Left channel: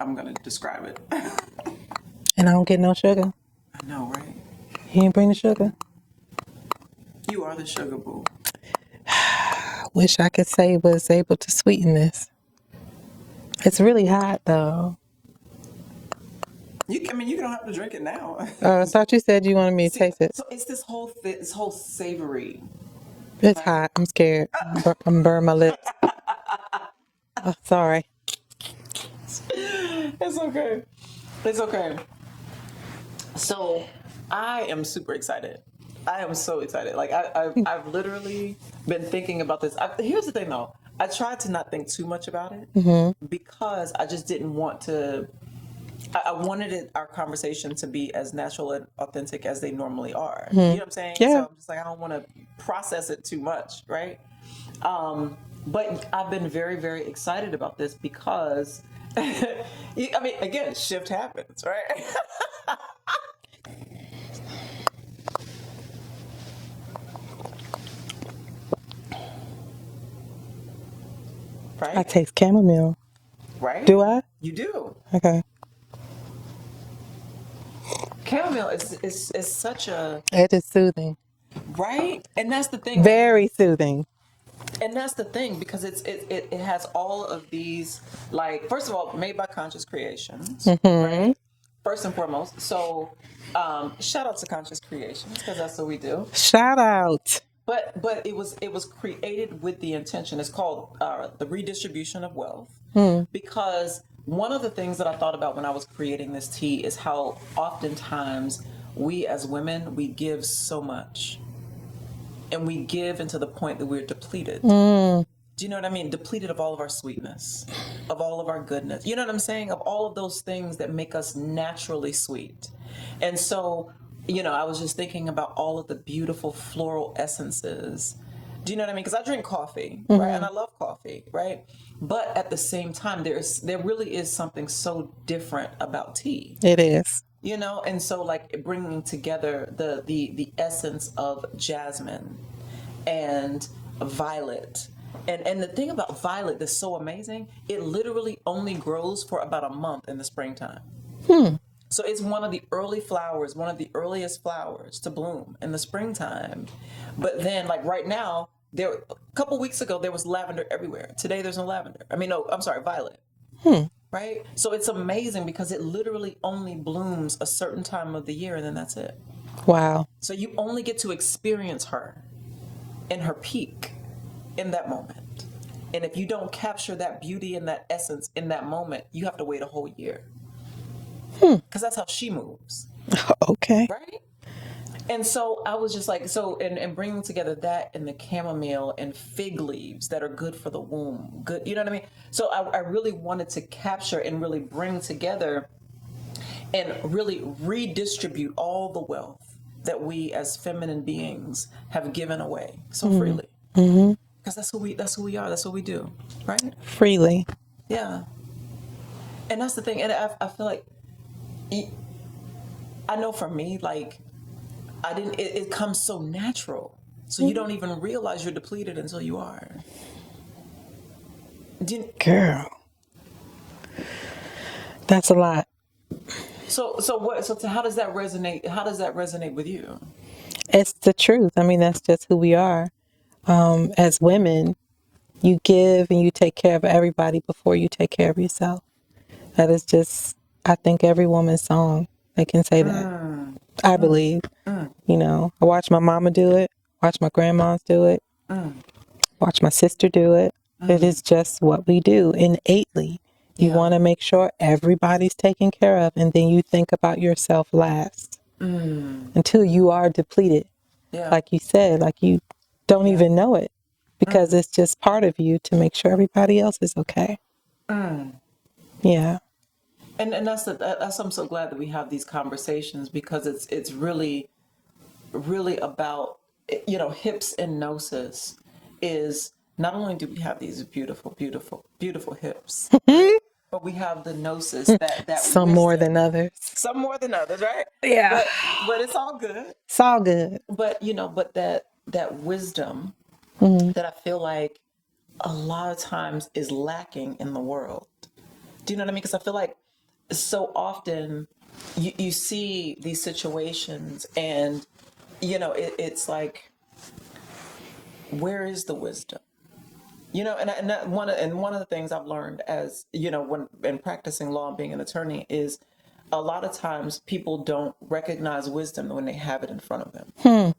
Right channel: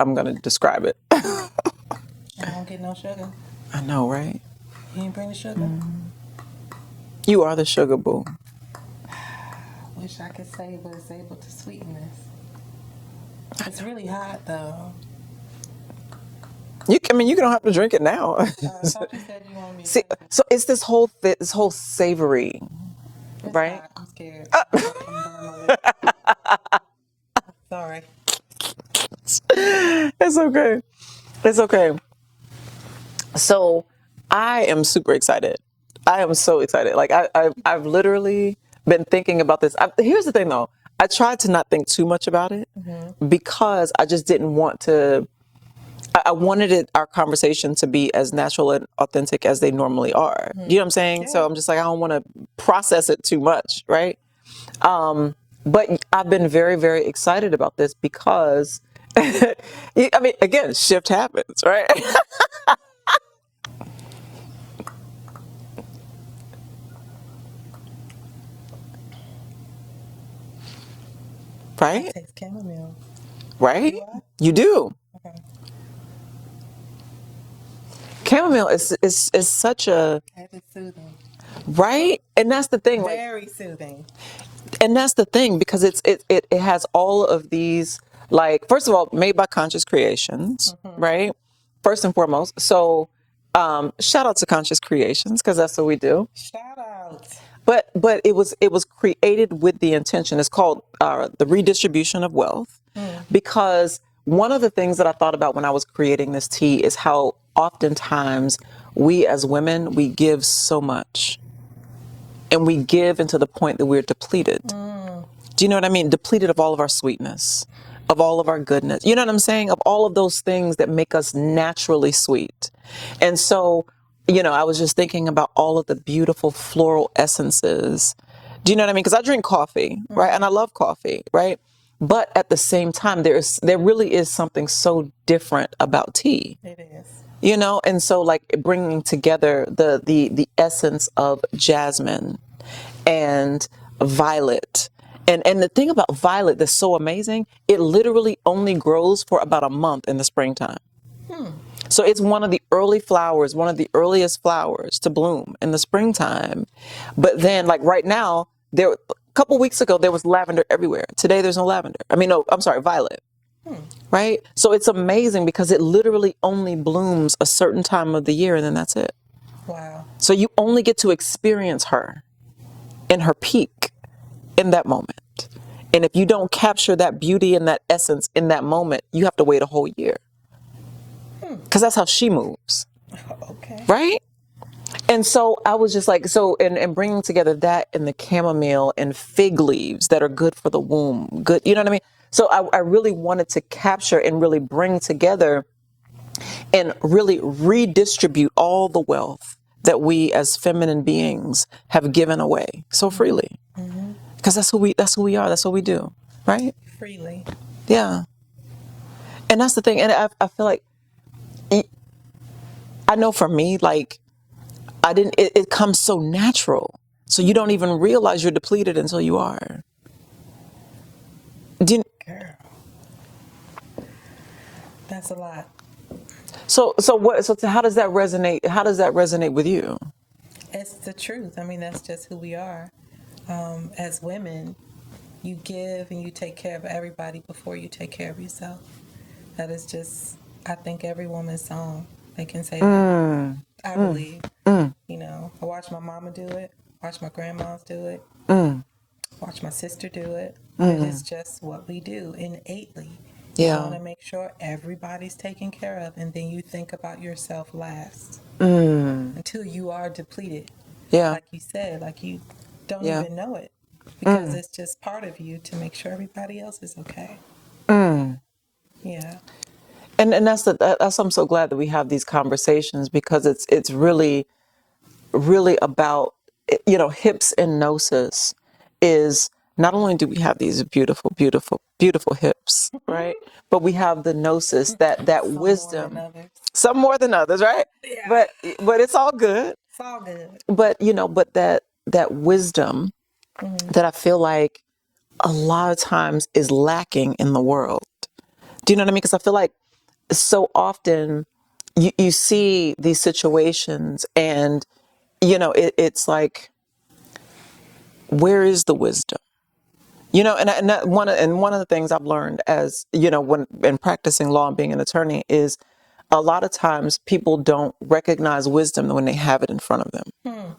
I'm gonna describe it. And I don't get no sugar. I know, right? You didn't bring the sugar? You are the sugar boo. Wish I could say was able to sweeten this. It's really hot though. You don't have to drink it now. I thought you said you wanted me to See, taste it. so it's this whole savory. It's right? hot. I'm scared. I'm burn my lips. Oh, sorry. It's okay. It's okay. So I am super excited. I am so excited. Like I've literally been thinking about this. Here's the thing though. I tried to not think too much about it because I just didn't want to. I wanted our conversation to be as natural and authentic as they normally are. You know what I'm saying? Yeah. So I'm just like, I don't want to process it too much, right? But I've been very, very excited about this because, I mean, again, shift happens, right? I Right? taste chamomile. Right? Do I? You do. Okay. Chamomile is such a, It is soothing. right? And that's the thing. Very soothing. And that's the thing, because it has all of these, like, first of all, made by conscious creations, right? First and foremost. So shout out to conscious creations, because that's what we do. Shout out. But it was created with the intention. It's called the redistribution of wealth, because one of the things that I thought about when I was creating this tea is how oftentimes we as women, we give so much. And we give into the point that we're depleted. Do you know what I mean? Depleted of all of our sweetness, of all of our goodness. You know what I'm saying? Of all of those things that make us naturally sweet. And so, I was just thinking about all of the beautiful floral essences. Do you know what I mean? Because I drink coffee, right? And I love coffee, right? But at the same time, there really is something so different about tea. It is. And so like bringing together the essence of jasmine and violet. And the thing about violet that's so amazing, it literally only grows for about a month in the springtime. So it's one of the early flowers, one of the earliest flowers to bloom in the springtime. But then like right now, a couple weeks ago, there was lavender everywhere. Today, there's no lavender. Violet. Right? So it's amazing because it literally only blooms a certain time of the year and then that's it. Wow. So you only get to experience her in her peak in that moment. And if you don't capture that beauty and that essence in that moment, you have to wait a whole year. Because that's how she moves. Okay. Right? And so I was just like, and bringing together that and the chamomile and fig leaves that are good for the womb. Good, you know what I mean? So I really wanted to capture and really bring together and really redistribute all the wealth that we as feminine beings have given away so freely. Because that's who we are. That's what we do. Right? Freely. Yeah. And that's the thing. And I feel like, I know for me, like, it comes so natural. So you don't even realize you're depleted until you are. Girl. That's a lot. So how does that resonate? How does that resonate with you? It's the truth. I mean, that's just who we are. As women, you give and you take care of everybody before you take care of yourself. That is just, I think, every woman's song. They can say that. I believe. I watch my mama do it. Watch my grandmas do it. Watch my sister do it. It is just what we do innately. You want to make sure everybody's taken care of, and then you think about yourself last until you are depleted. Yeah. Like you said, like you don't even know it because it's just part of you to make sure everybody else is okay. Yeah. And that's I'm so glad that we have these conversations because it's really, really about, hips and gnosis is not only do we have these beautiful, beautiful, beautiful hips, right? But we have the gnosis that Some wisdom. more than others. Some more than others, right? Yeah. But it's all good. It's all good. But that wisdom that I feel like a lot of times is lacking in the world. Do you know what I mean? Because I feel like so often you see these situations and, it's like, where is the wisdom? One of the things I've learned as, when in practicing law and being an attorney is a lot of times people don't recognize wisdom when they have it in front of them.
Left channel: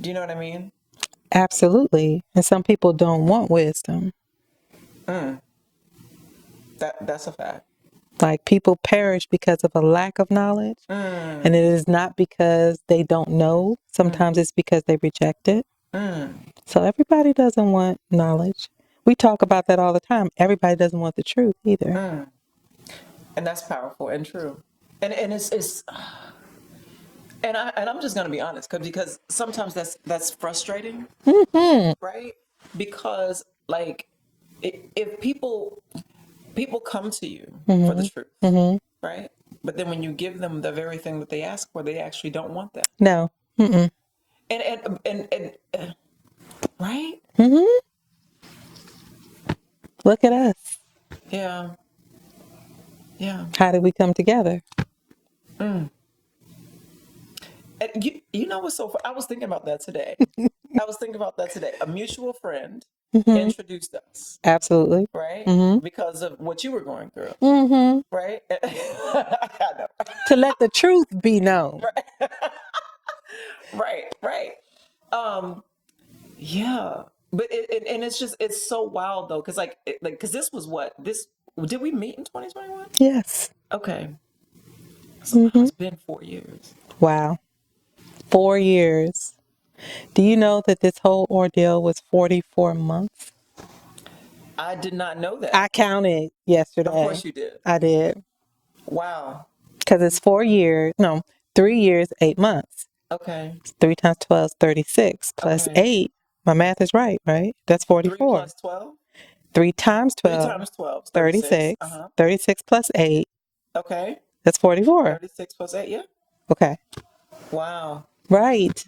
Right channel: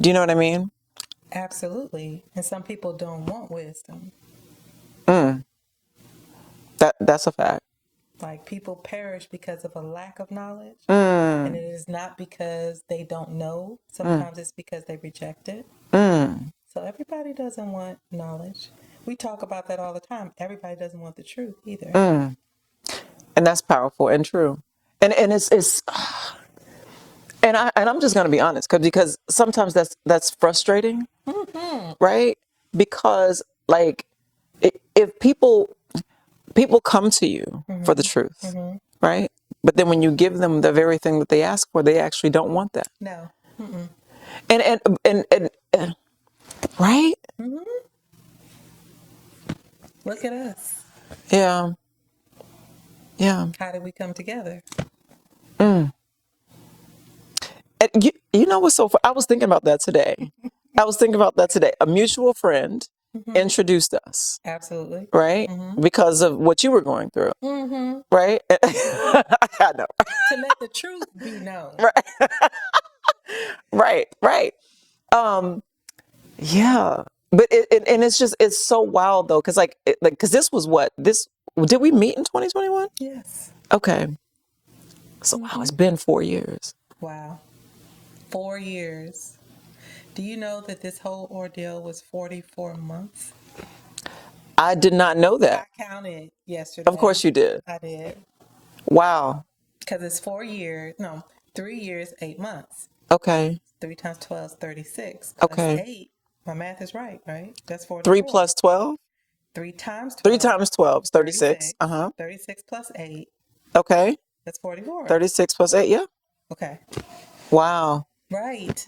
Do you know what I mean? Absolutely. And some people don't want wisdom. That's a fact. Like people perish because of a lack of knowledge. And it is not because they don't know. Sometimes it's because they reject it. So everybody doesn't want knowledge. We talk about that all the time. Everybody doesn't want the truth either. And that's powerful and true. And it's I'm just going to be honest because sometimes that's frustrating, right? Because like if people come to you for the truth, right? But then when you give them the very thing that they ask for, they actually don't want that. No. Mm-mm. And right? Look at us. Yeah. Yeah. How did we come together? And you know what's so fun? I was thinking about that today. A mutual friend introduced us. Absolutely. Right? Because of what you were going through. Right? I know. To let the truth be known. Right. Yeah. But it's so wild though. Cause cause did we meet in 2021? Yes. Okay. So wow, it's been 4 years. Wow. 4 years. Do you know that this whole ordeal was 44 months? I did not know that. I counted yesterday. Of course you did. I did. Wow. Because it's 3 years, 8 months. Okay. 3 times 12 is 36 plus 8. My math is right? That's 44. 3 plus 12? 3 times 12. 3 times 12 is 36. 36 plus 8. Okay. That's 44. 36 plus 8, yeah. Okay. Wow. Right.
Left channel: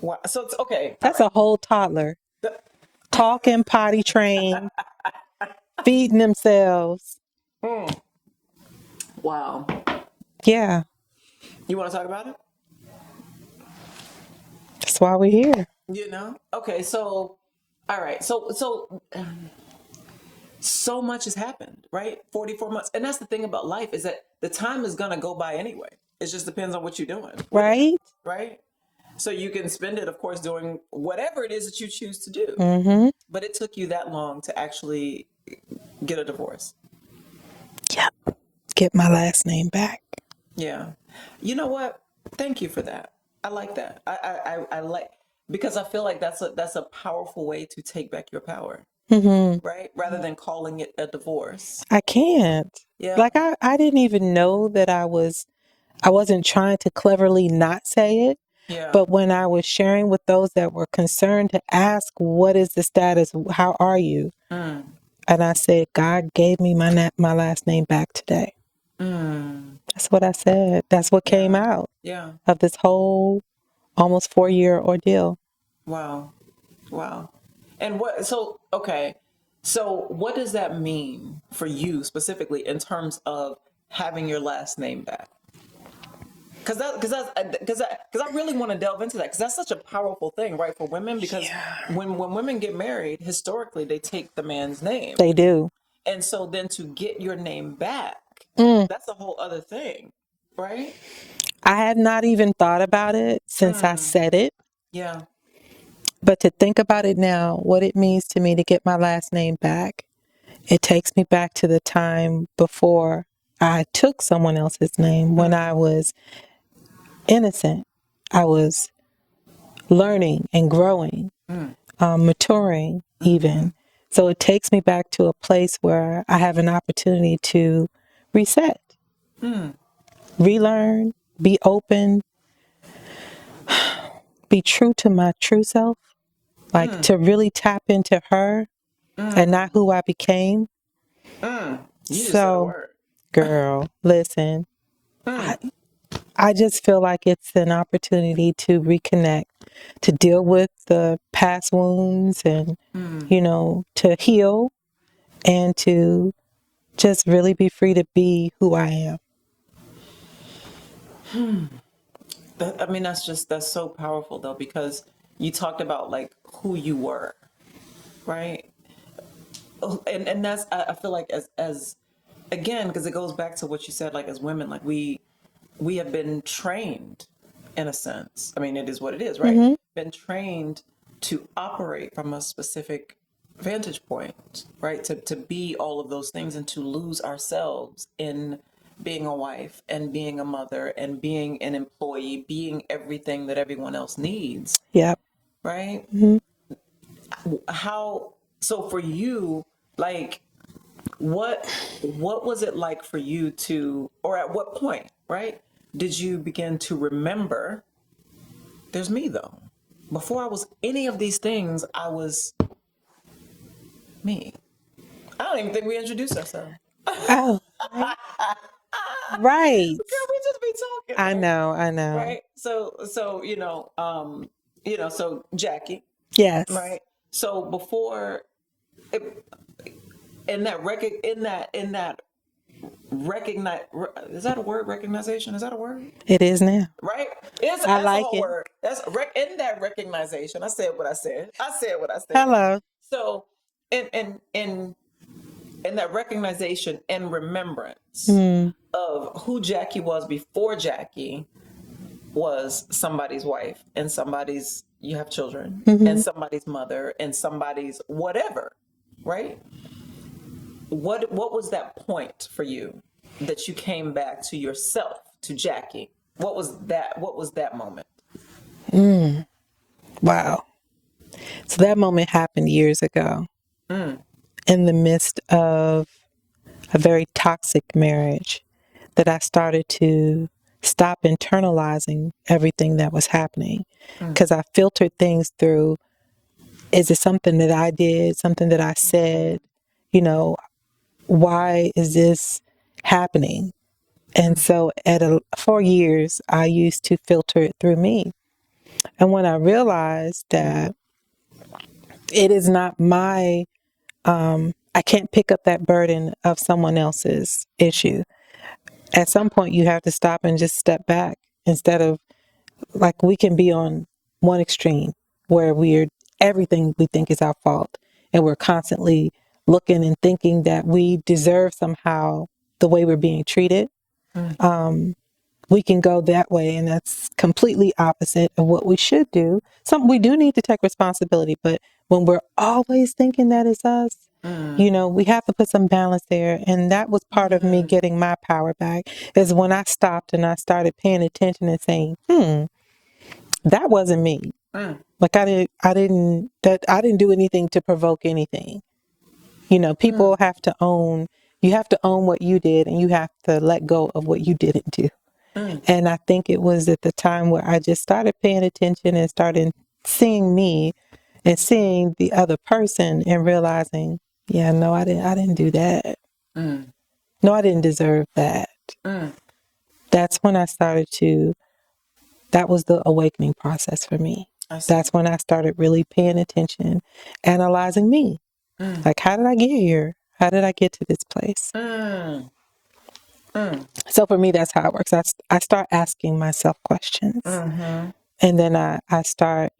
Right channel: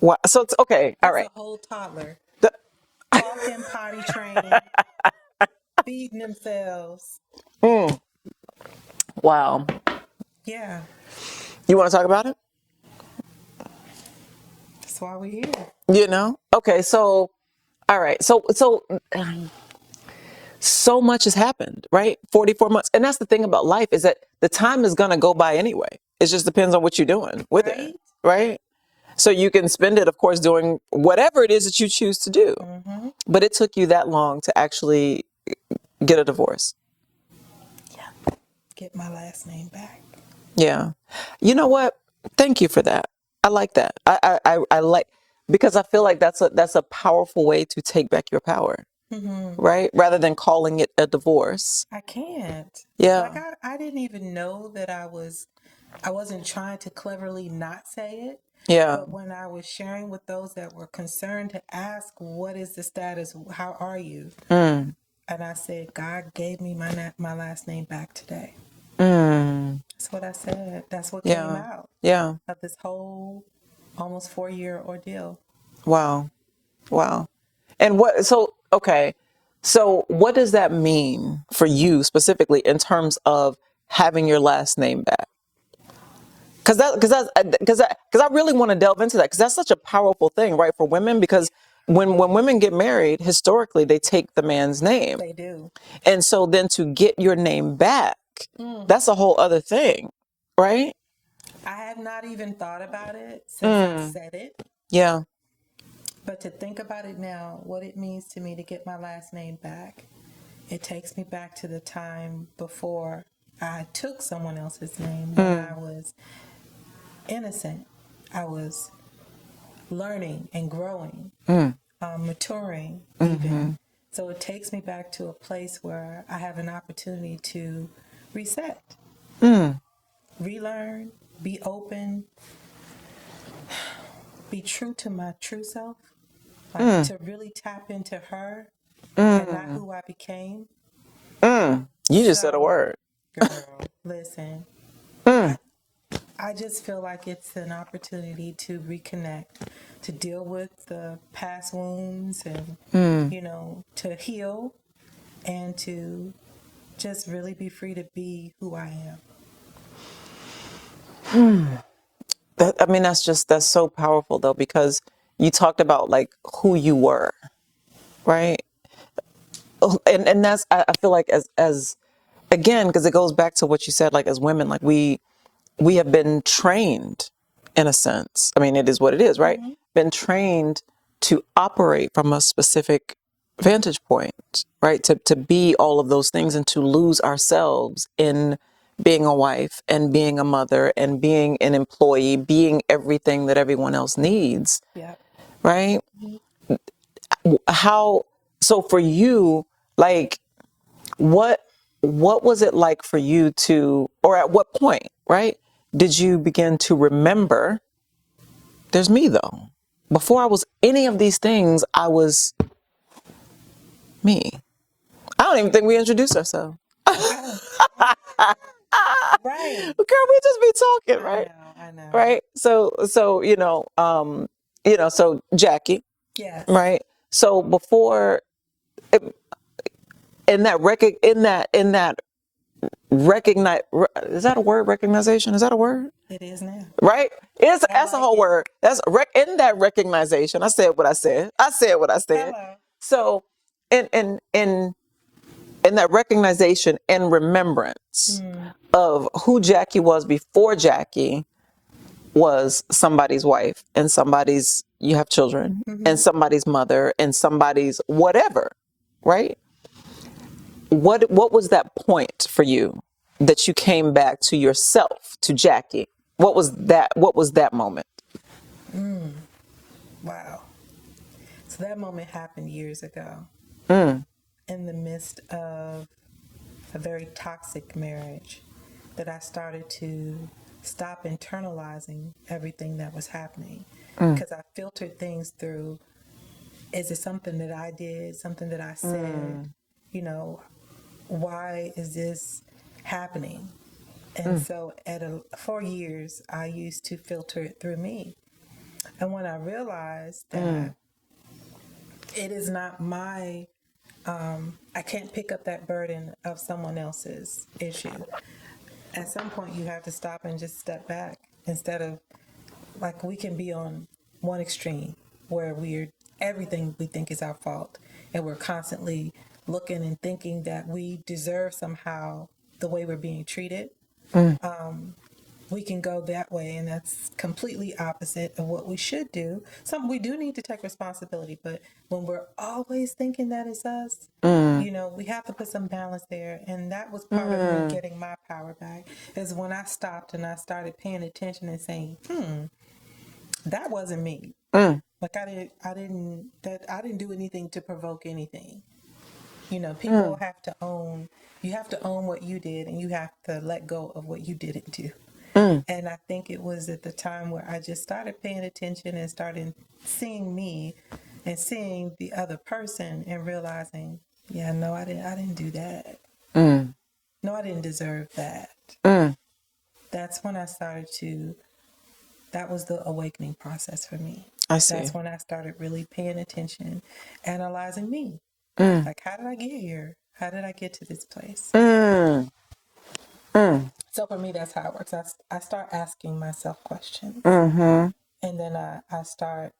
Wow. So it's okay. That's a whole toddler. Talking, potty trained, feeding themselves. Wow. Yeah. You want to talk about it? That's why we're here. Okay. So, all right. So much has happened, right? 44 months. And that's the thing about life is that the time is going to go by anyway. It just depends on what you're doing with it, right? So you can spend it, of course, doing whatever it is that you choose to do. But it took you that long to actually get a divorce. Yep. Get my last name back. Yeah. You know what? Thank you for that. I like that. I like, because I feel like that's a powerful way to take back your power. Right? Rather than calling it a divorce. I can't. Yeah. Like I didn't even know that I wasn't trying to cleverly not say it. Yeah. But when I was sharing with those that were concerned to ask, what is the status? How are you? And I said, God gave me my last name back today. That's what I said. That's what came out of this whole almost 4-year ordeal. Wow. And so what does that mean for you specifically in terms of having your last name back? Because I really want to delve into that, because that's such a powerful thing, right, for women, because when women get married, historically, they take the man's name. They do. And so then to get your name back, that's a whole other thing, right? I had not even thought about it since I said it. Yeah. But to think about it now, what it means to me to get my last name back, it takes me back to the time before I took someone else's name, when I was innocent. I was learning and growing, maturing even. So it takes me back to a place where I have an opportunity to reset, relearn, be open, be true to my true self, like to really tap into her and not who I became. You just said a word. Girl, listen. I just feel like it's an opportunity to reconnect, to deal with the past wounds and, to heal and to just really be free to be who I am. That's so powerful though, because you talked about like who you were, right? And that's, I feel like as again, because it goes back to what you said, like as women, like we have been trained in a sense. I mean, it is what it is, right? Been trained to operate from a specific vantage point, right? To be all of those things and to lose ourselves in being a wife and being a mother and being an employee, being everything that everyone else needs, Yep. right? How, so for you, like, what was it like for you to, or at what point, right, did you begin to remember, there's me though. Before I was any of these things, I was me. I don't even think we introduced ourselves. Oh, right. Girl, we just be talking, right? I know. Right? So so Jackie, Yes. right? So before, in that recognize, is that a word? Recognition, is that a word? It is now. Right? That's like a whole it. word. That's in that recognition. I said what I said. Hello. So in that recognition and remembrance of who Jackie was before Jackie was somebody's wife and somebody's, you have children, and somebody's mother and somebody's whatever, right? What was that point for you that you came back to yourself, to Jackie? What was that moment? Wow. So that moment happened years ago in the midst of a very toxic marriage that I started to stop internalizing everything that was happening because I filtered things through, is it something that I did, something that I said, why is this happening? And so for years, I used to filter it through me. And when I realized that it is not I can't pick up that burden of someone else's issue. At some point, you have to stop and just step back instead of, like, we can be on one extreme where everything we think is our fault. And we're constantly looking and thinking that we deserve somehow the way we're being treated. We can go that way, and that's completely opposite of what we should do. We do need to take responsibility, but when we're always thinking that it's us, we have to put some balance there. And that was part of me getting my power back, is when I stopped and I started paying attention and saying, that wasn't me. Like I didn't do anything to provoke anything. People have to own, you have to own what you did, and you have to let go of what you didn't do. And I think it was at the time where I just started paying attention and started seeing me and seeing the other person and realizing, yeah, no, I didn't do that. No, I didn't deserve that. That's when I started that was the awakening process for me. I see. That's when I started really paying attention, analyzing me. Like, how did I get here? How did I get to this place? So for me, that's how it works. I start asking myself questions. And then I start,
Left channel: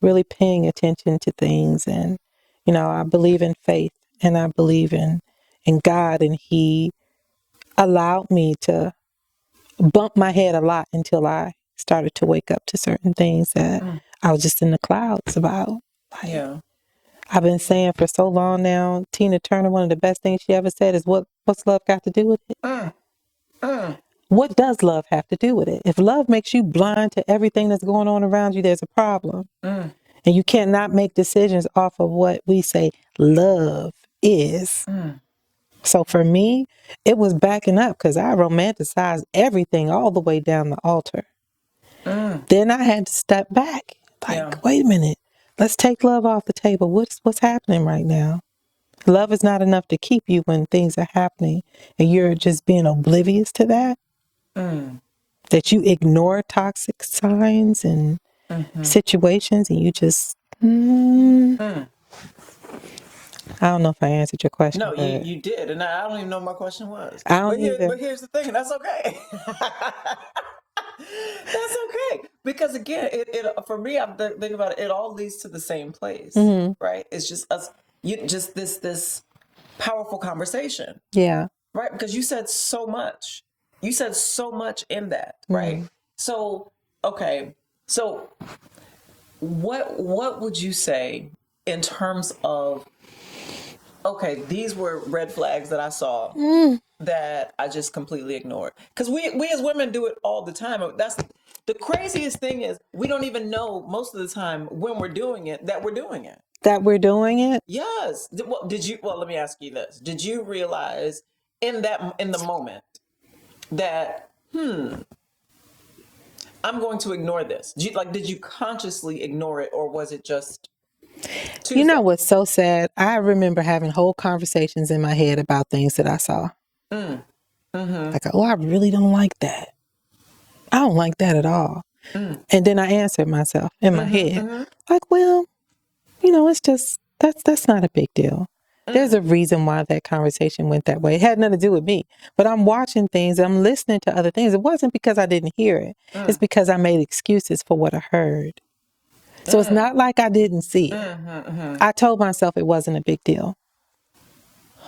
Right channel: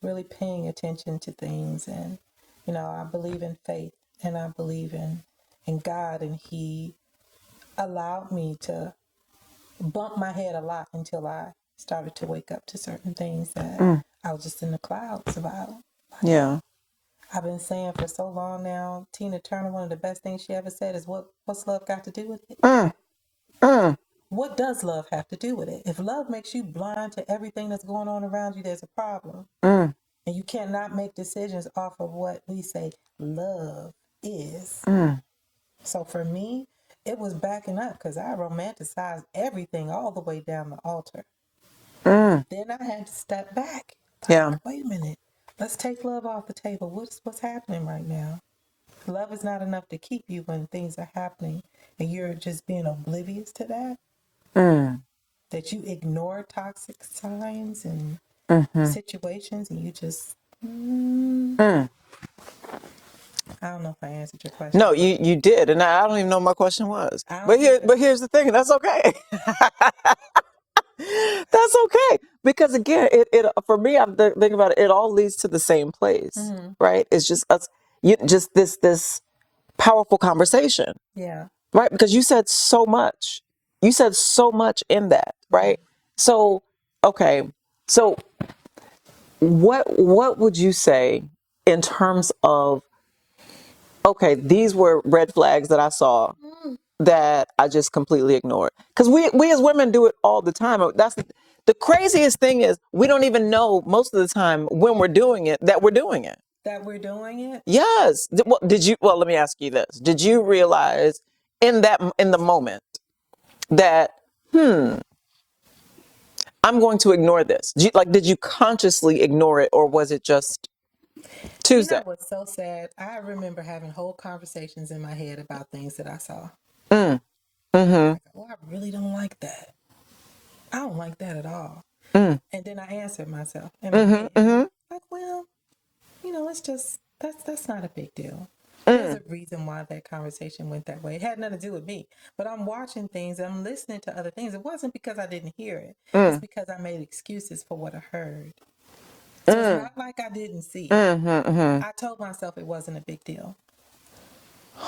really paying attention to things. And, I believe in faith, and I believe in God. And He allowed me to bump my head a lot until I started to wake up to certain things that I was just in the clouds about. Yeah. I've been saying for so long now, Tina Turner, one of the best things she ever said is, what's love got to do with it? What does love have to do with it? If love makes you blind to everything that's going on around you, there's a problem. And you cannot make decisions off of what we say love is. So for me, it was backing up because I romanticized everything all the way down the altar. Then I had to step back. Wait a minute. Let's take love off the table. What's happening right now? Love is not enough to keep you when things are happening and you're just being oblivious to that. That you ignore toxic signs and situations and you just... I don't know if I answered your question. No, but you did, and I don't even know what my question was. I don't either. But here's the thing. That's okay. That's okay, because again, it for me, I'm thinking about it. It all leads to the same place, right? It's just us, just this powerful conversation, Yeah. right? Because you said so much. You said so much in that, right? So, okay, so what would you say in terms of, okay, these were red flags that I saw that I just completely ignored? Because we as women do it all the time. That's the craziest thing, is we don't even know most of the time when we're doing it that we're doing it. That we're doing it? Yes. Did you? Well, let me ask you this: did you realize in the moment that I'm going to ignore this? Did you consciously ignore it, or was it just Tuesday? You know what's so sad? I remember having whole conversations in my head about things that I saw. Like, oh, I really don't like that. I don't like that at all. And then I answered myself in my head, like, well, it's just, that's not a big deal. There's a reason why that conversation went that way. It had nothing to do with me. But I'm watching things, I'm listening to other things. It wasn't because I didn't hear it. It's because I made excuses for what I heard. So it's not like I didn't see it. I told myself it wasn't a big deal.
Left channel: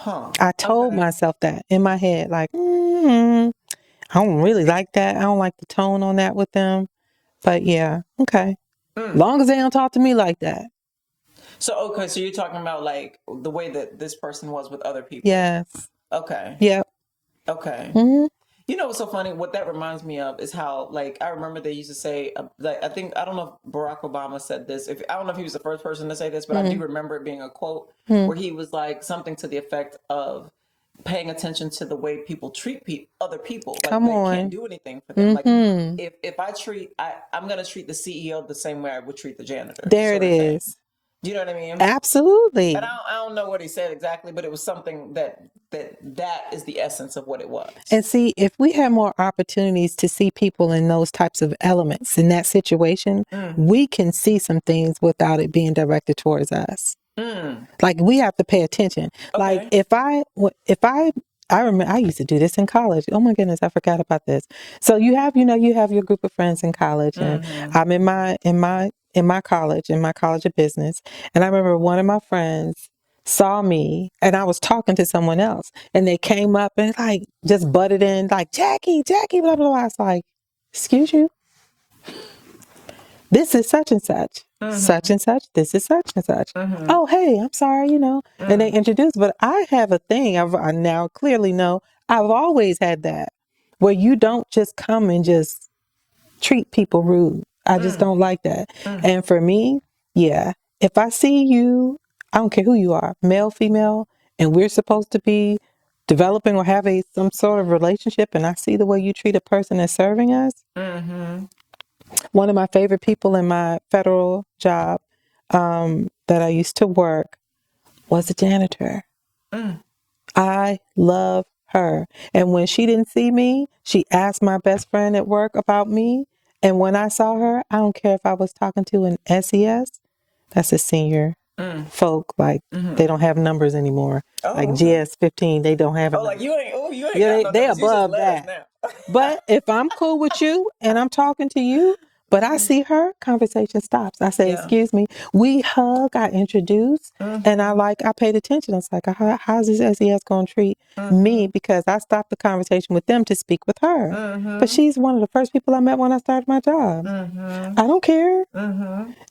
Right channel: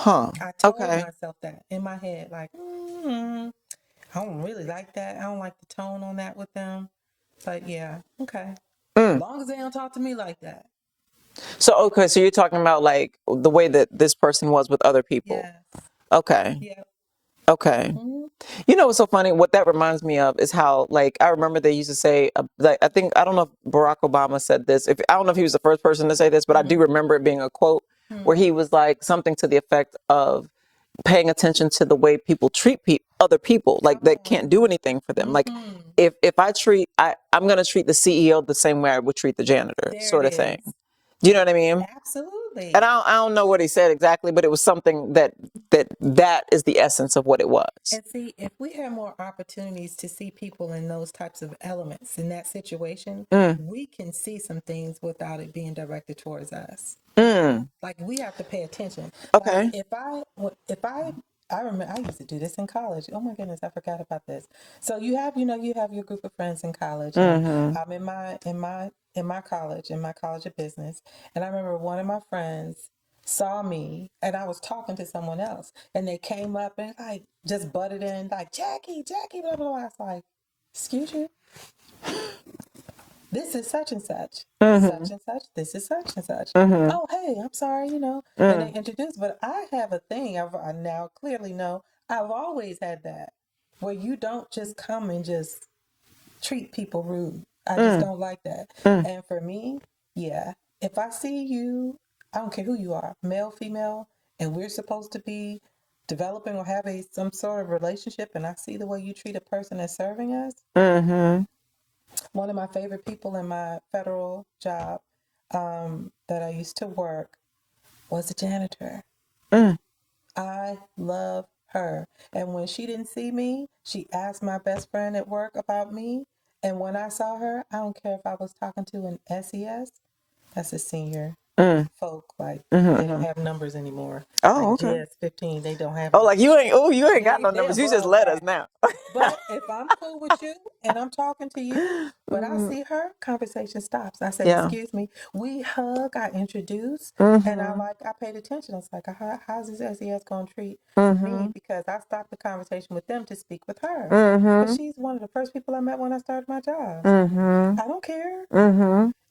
I told myself that in my head, like, I don't really like that. I don't like the tone on that with them. But yeah, okay. Long as they don't talk to me like that. So, okay, so you're talking about like the way that this person was with other people. Yes. Okay. Yep. Okay. You know what's so funny? What that reminds me of is how, like, I remember they used to say, like, I don't know if Barack Obama said this. I don't know if he was the first person to say this, but I do remember it being a quote where he was like something to the effect of paying attention to the way people treat other people, like Come they on. can't do anything for them. Like if I'm going to treat the CEO the same way I would treat the janitor, There sort it of thing. is. Do you know what I mean? Absolutely. And I don't know what he said exactly, but it was something that is the essence of what it was. And see, if we have more opportunities to see people in those types of elements in that situation, we can see some things without it being directed towards us. Like, we have to pay attention. Okay. Like I remember I used to do this in college. Oh my goodness, I forgot about this. So you have your group of friends in college, and I'm in my college of business. And I remember one of my friends saw me and I was talking to someone else, and they came up and like just butted in like, Jackie, blah, blah, blah. I was like, excuse you. This is such and such, such and such. This is such and such. Oh, hey, I'm sorry, And they introduced, but I have a thing. I now clearly know I've always had that, where you don't just come and just treat people rude. I just don't like that. And for me, yeah, if I see you, I don't care who you are, male, female, and we're supposed to be developing or have some sort of relationship, and I see the way you treat a person that's serving us. One of my favorite people in my federal job that I used to work was a janitor. I love her. And when she didn't see me, she asked my best friend at work about me. And when I saw her, I don't care if I was talking to an SES, that's a senior folk, like they don't have numbers anymore. Like okay. GS15, they don't have it. Like you ain't got no numbers. You just letters now. But if I'm cool with you and I'm talking to you, but I see her, conversation stops. I said, excuse me. We hug, I introduce, and I paid attention. I was like, how's this SES going to treat me? Because I stopped the conversation with them to speak with her. But she's one of the first people I met when I started my job. I don't care.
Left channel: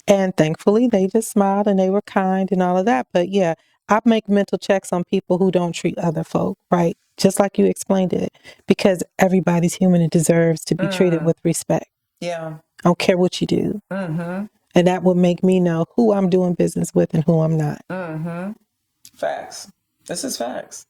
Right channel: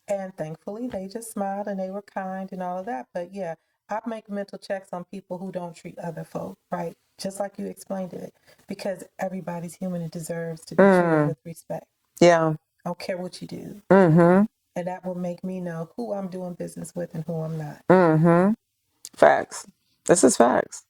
And thankfully, they just smiled and they were kind and all of that. But yeah, I make mental checks on people who don't treat other folk right, just like you explained it, because everybody's human and deserves to be treated with respect. Yeah. I don't care what you do. And that would make me know who I'm doing business with and who I'm not. Facts. This is facts.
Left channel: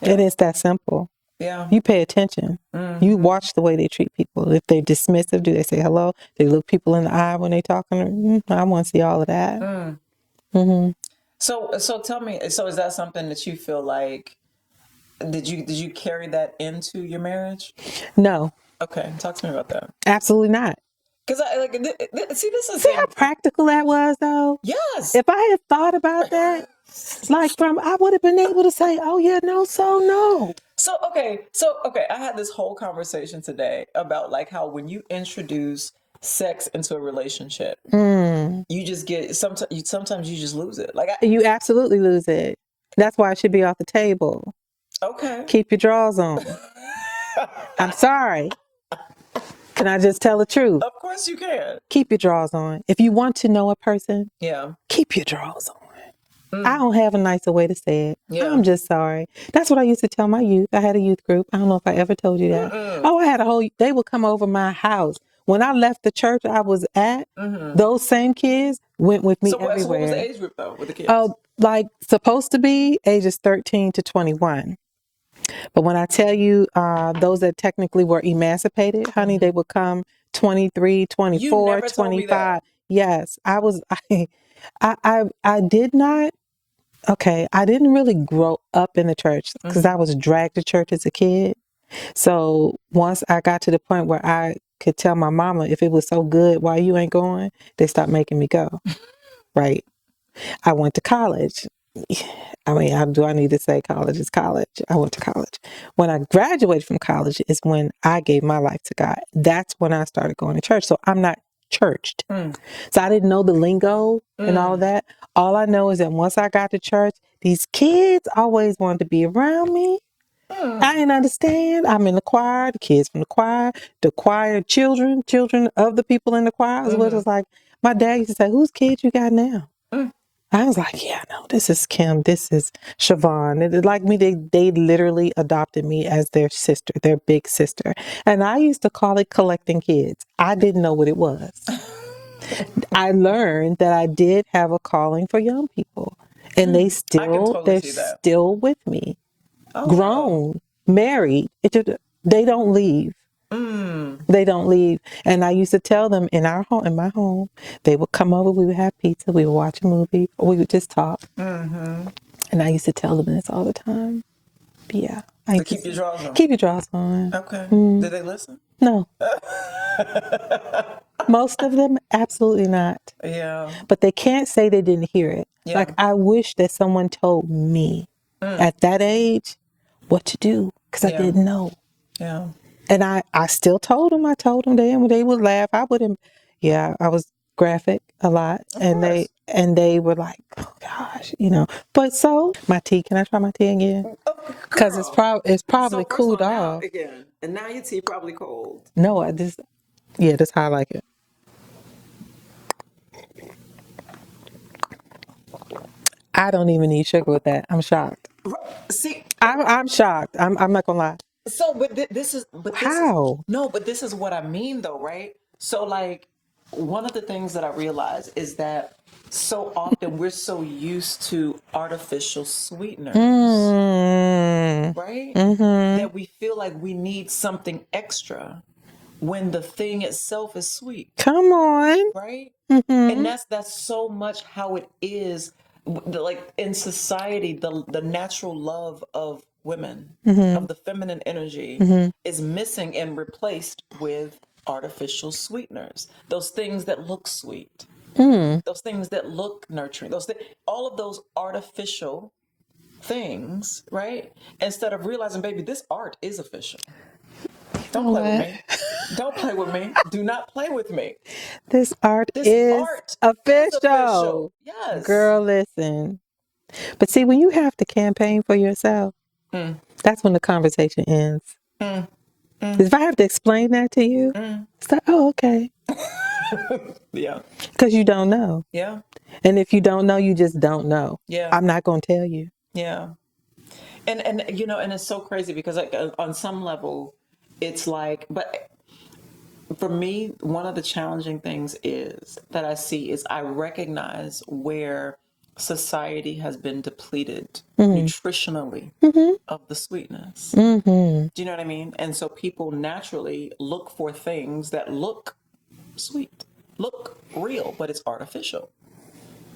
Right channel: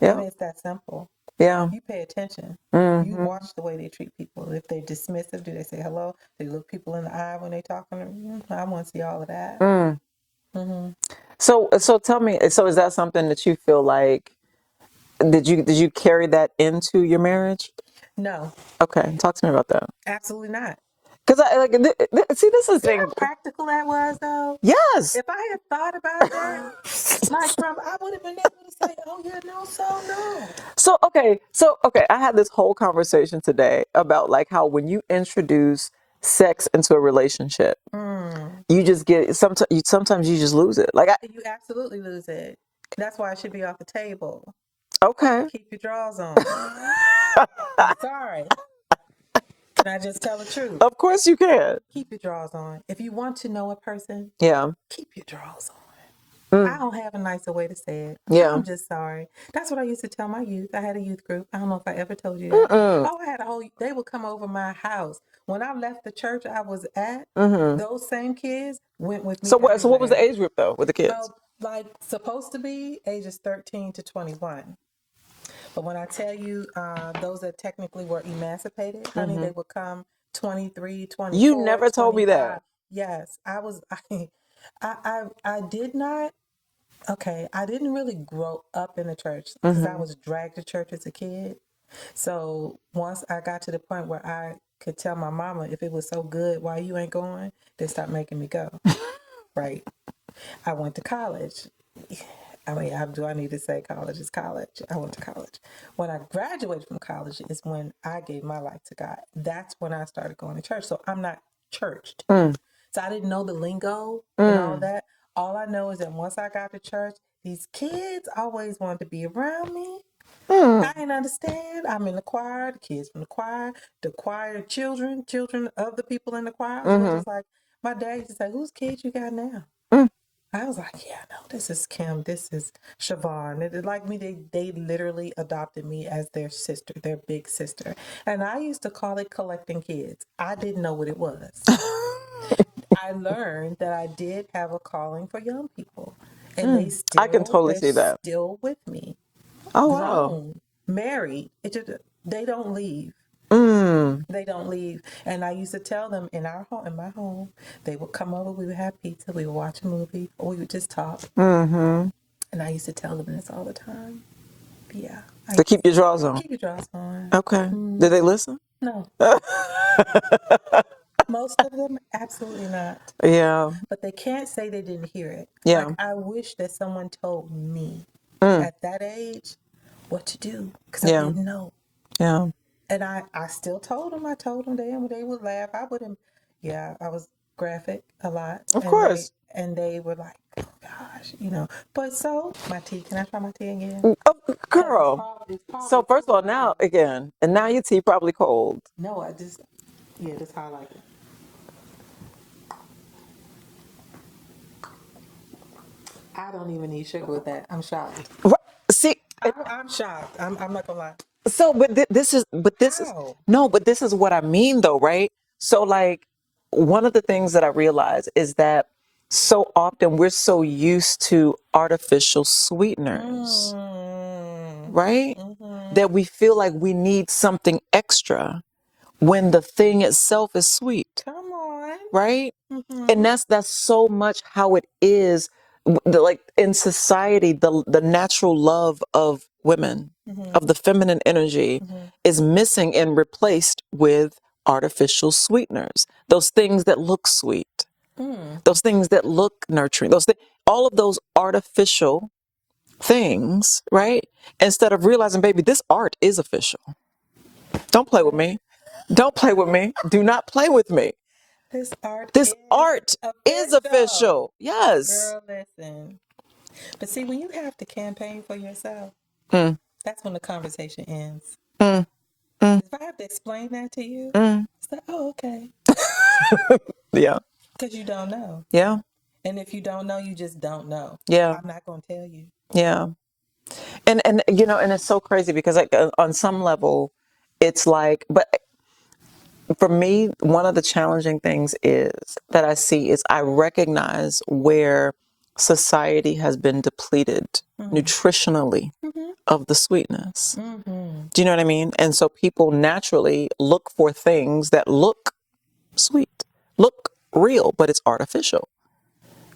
Yeah. It is that simple. Yeah. You pay attention. You watch the way they treat people. If they're dismissive, do they say hello? Do they look people in the eye when they're talking? I want to see all of that. So tell me, so is that something that you feel like, did you carry that into your marriage? No. Okay. Talk to me about that. Absolutely not. Because I like see, this is the See how thing. practical that was, though? Yes. If I had thought about that, I would have been able to say, oh, yeah, no, so no. So okay, I had this whole conversation today about like how when you introduce sex into a relationship, you just get sometimes you just lose it. Like You absolutely lose it. That's why it should be off the table. okay, Keep your drawers on. I'm sorry. Can I just tell the truth? of course you can. Keep your drawers on. If you want to know a person, Yeah, keep your drawers on. I don't have a nicer way to say it. Yeah. I'm just sorry. That's what I used to tell my youth. I had a youth group. I don't know if I ever told you that. Oh, I had they would come over my house. When I left the church I was at, those same kids went with me everywhere. So what was the age group though with the kids? Oh, like supposed to be ages 13 to 21. But when I tell you those that technically were emancipated, honey, they would come 23, 24, You never 25. told me that. Yes, I did not. Okay, I didn't really grow up in the church because I was dragged to church as a kid. So once I got to the point where I could tell my mama, if it was so good, why you ain't going, they stopped making me go. Right. I went to college. I mean, do I need to say college is college? I went to college. When I graduated from college is when I gave my life to God. That's when I started going to church. So I'm not churched. So I didn't know the lingo and all of that. All I know is that once I got to church, these kids always wanted to be around me. I didn't understand. I'm in the choir, the kids from the choir children of the people in the choir. It was just like, my dad used to say, whose kids you got now? I was like, yeah, no, this is Kim, this is Siobhan. And like me, they literally adopted me as their sister, their big sister. And I used to call it collecting kids. I didn't know what it was. I learned that I did have a calling for young people. And I can totally see they're that. still with me. Oh, Grown, wow. married. They don't leave. They don't leave. And I used to tell them in my home, they would come over, we would have pizza, we would watch a movie, or we would just talk. And I used to tell them this all the time. Yeah. To keep your drawers on. Keep your drawers on. Okay. Did they listen? No. Most of them, absolutely not. Yeah. But they can't say they didn't hear it. Yeah. Like, I wish that someone told me at that age what to do, because I didn't know. Yeah. And I still told them. I told them then when they would laugh. I wouldn't. Yeah, I was graphic a lot. Of course. They were like, oh gosh, But so my tea. Can I try my tea again? Oh, Because girl. it's probably So first cooled of all, now off. again, and now your tea probably cold. No, that's how I like it. I don't even need sugar with that. I'm shocked. See, I'm shocked. I'm not gonna lie. so this is How? but this is what I mean though, right? So like one of the things that I realize is that so often we're so used to artificial sweeteners, right? That we feel like we need something extra when the thing itself is sweet. Come on. Right? And that's so much how it is. Like in society, the natural love of women, of the feminine energy, is missing and replaced with artificial sweeteners. Those things that look sweet, those things that look nurturing, all of those artificial things, right? Instead of realizing, baby, this art is official. Don't play with me. Don't play with me. Do not play with me. This art This is art official. is official. Yes. Girl, listen. But see, when you have to campaign for yourself, that's when the conversation ends. If I have to explain that to you, it's like, oh, okay. Yeah. Because you don't know. Yeah. And if you don't know, you just don't know. Yeah. I'm not going to tell you. Yeah. And and it's so crazy because like on some level, it's like, but for me, one of the challenging things is that I see is I recognize where society has been depleted nutritionally of the sweetness. Do you know what I mean? And so people naturally look for things that look sweet, look real, but it's artificial,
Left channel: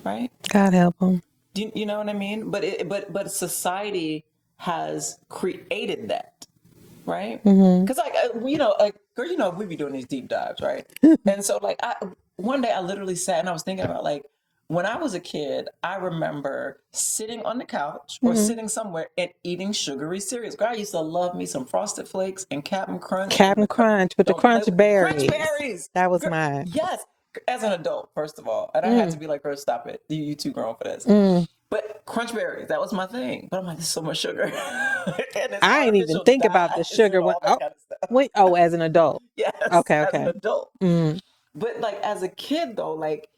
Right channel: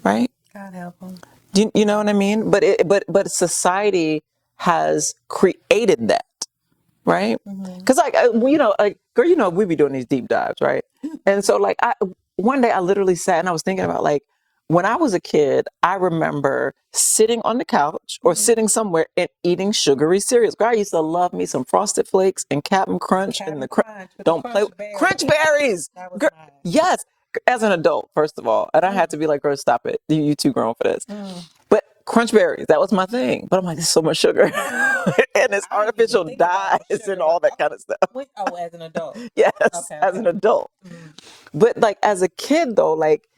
right? God help them. Do you know what I mean? But society has created that. right? Because girl, we be doing these deep dives, right? And so like one day I literally sat and I was thinking about like when I was a kid, I remember sitting on the couch or sitting somewhere and eating sugary cereals. Girl, I used to love me some Frosted Flakes and Captain Crunch and Captain Crunch with the crunch berries. Crunch berries. That was Girl, mine. yes. As an adult, first of all, and I had to be like, girl, stop it. You too grown for this. But crunch berries, that was my thing. But I'm like, there's so much sugar. And it's I didn't artificial even think about the dyes sugar and all that one. kind of stuff. Wait, as an adult. Yes, Okay. as an adult. But like as a kid though, like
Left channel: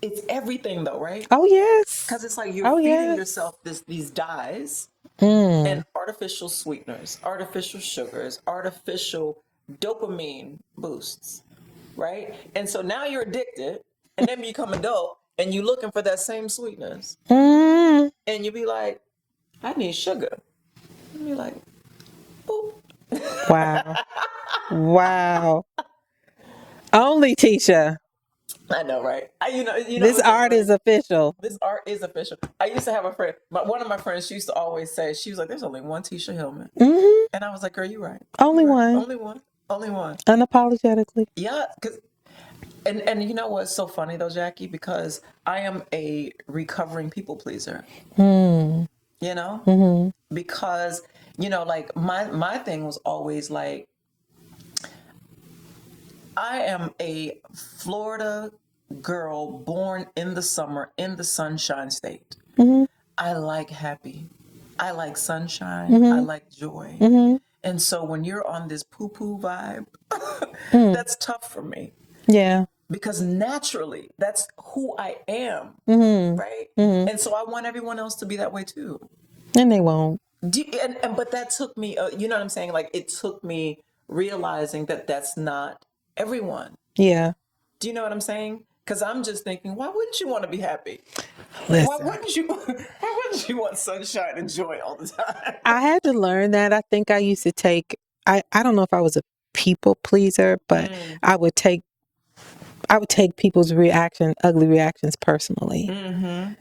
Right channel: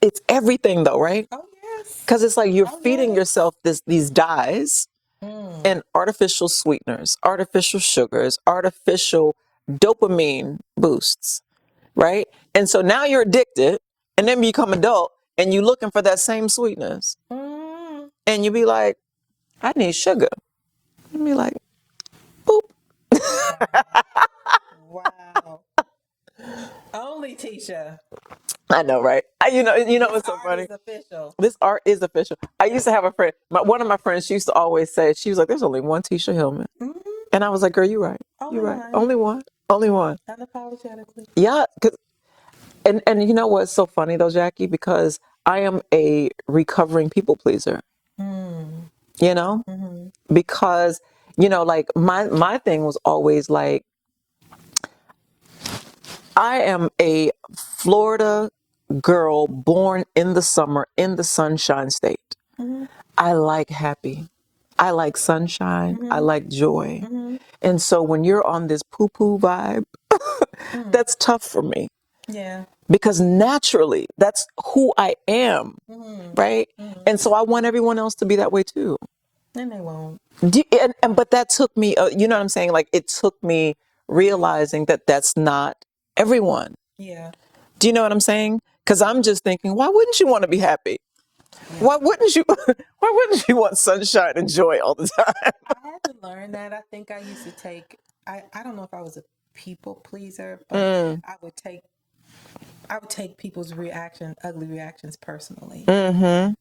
it's everything though, right? Oh, yes. Because it's like you're feeding yes. yourself these dyes and artificial sweeteners, artificial sugars, artificial dopamine boosts, right? And so now you're addicted, and then you become adult, and you're looking for that same sweetness, and you be like, I need sugar. And be like, boop. Wow. Wow. Only Tisha. I know, right? This art is official. This art is official. I used to have a friend. One of my friends, she used to always say, she was like, "There's only one Tisha Hillman," and I was like, "Girl, you're right. Only You're right. one. Only one. Only one." Unapologetically. Yeah, and you know what's so funny though, Jackie? Because I am a recovering people pleaser. You know, because like my thing was always like, I am a Florida girl born in the summer in the Sunshine State. I like happy. I like sunshine. I like joy. And so when you're on this poo-poo vibe, that's tough for me. Yeah. Because naturally, that's who I am, right? And so I want everyone else to be that way too. And they won't. But that took me, you know what I'm saying? Like it took me realizing that that's not everyone. Yeah. Do you know what I'm saying? Because I'm just thinking, why wouldn't you want to be happy? Listen. Why wouldn't you want sunshine and joy all the time? I had to learn that. I think I used to take, I don't know if I was a people pleaser, but I would take people's ugly reactions personally.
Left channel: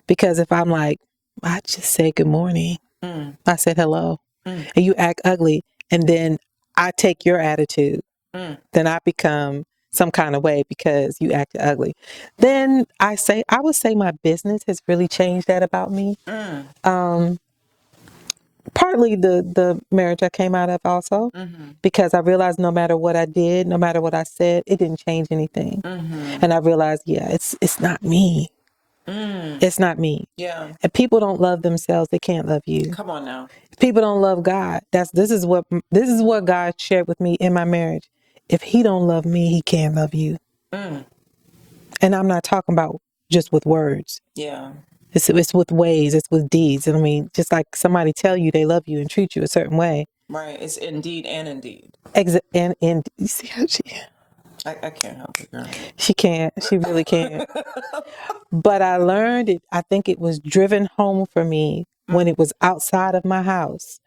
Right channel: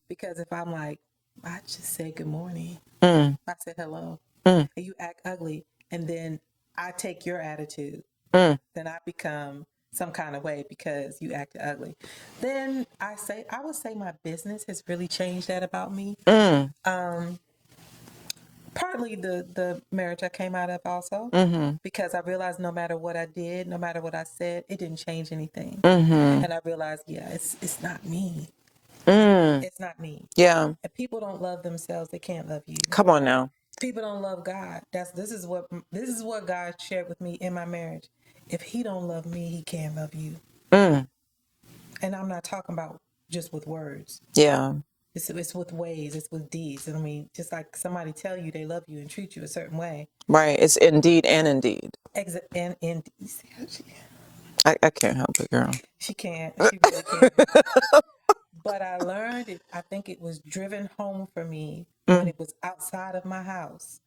Because if I'm like, I just said good morning. I said hello. And you act ugly. And then I take your attitude. Then I become some kind of way because you acted ugly. Then I would say my business has really changed that about me. Partly the marriage I came out of also, because I realized no matter what I did, no matter what I said, it didn't change anything. And I realized, it's not me. It's not me. Yeah. If people don't love themselves, they can't love you. Come on now. If people don't love God, this is what God shared with me in my marriage. If he don't love me, he can't love you. And I'm not talking about just with words. Yeah. It's with ways, it's with deeds. I mean, just like somebody tell you they love you and treat you a certain way. Right. It's indeed and indeed. And you see how I can't help it, girl. She can't. She really can't. But I learned it. I think it was driven home for me when it was outside of my house,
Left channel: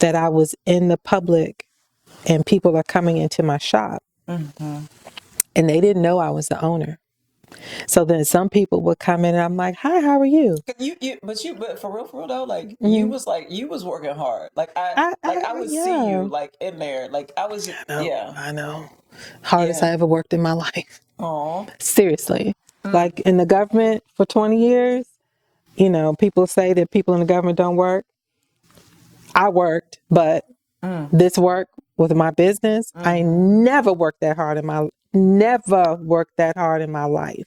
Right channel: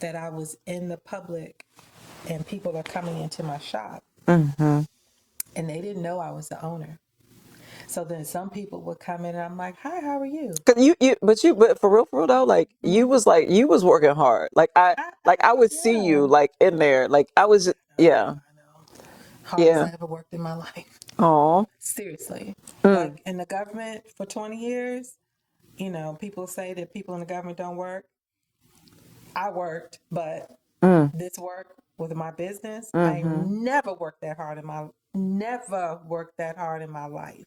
that I was in the public and people are coming into my shop and they didn't know I was the owner. So then some people would come in and I'm like, "Hi, how are you?" But for real though, like you was working hard. Like I would see you like in there. Like I was, I know. Hardest I ever worked in my life. Oh, seriously. Like in the government for 20 years, people say that people in the government don't work. I worked, but this work with my business, I never worked that hard in my life.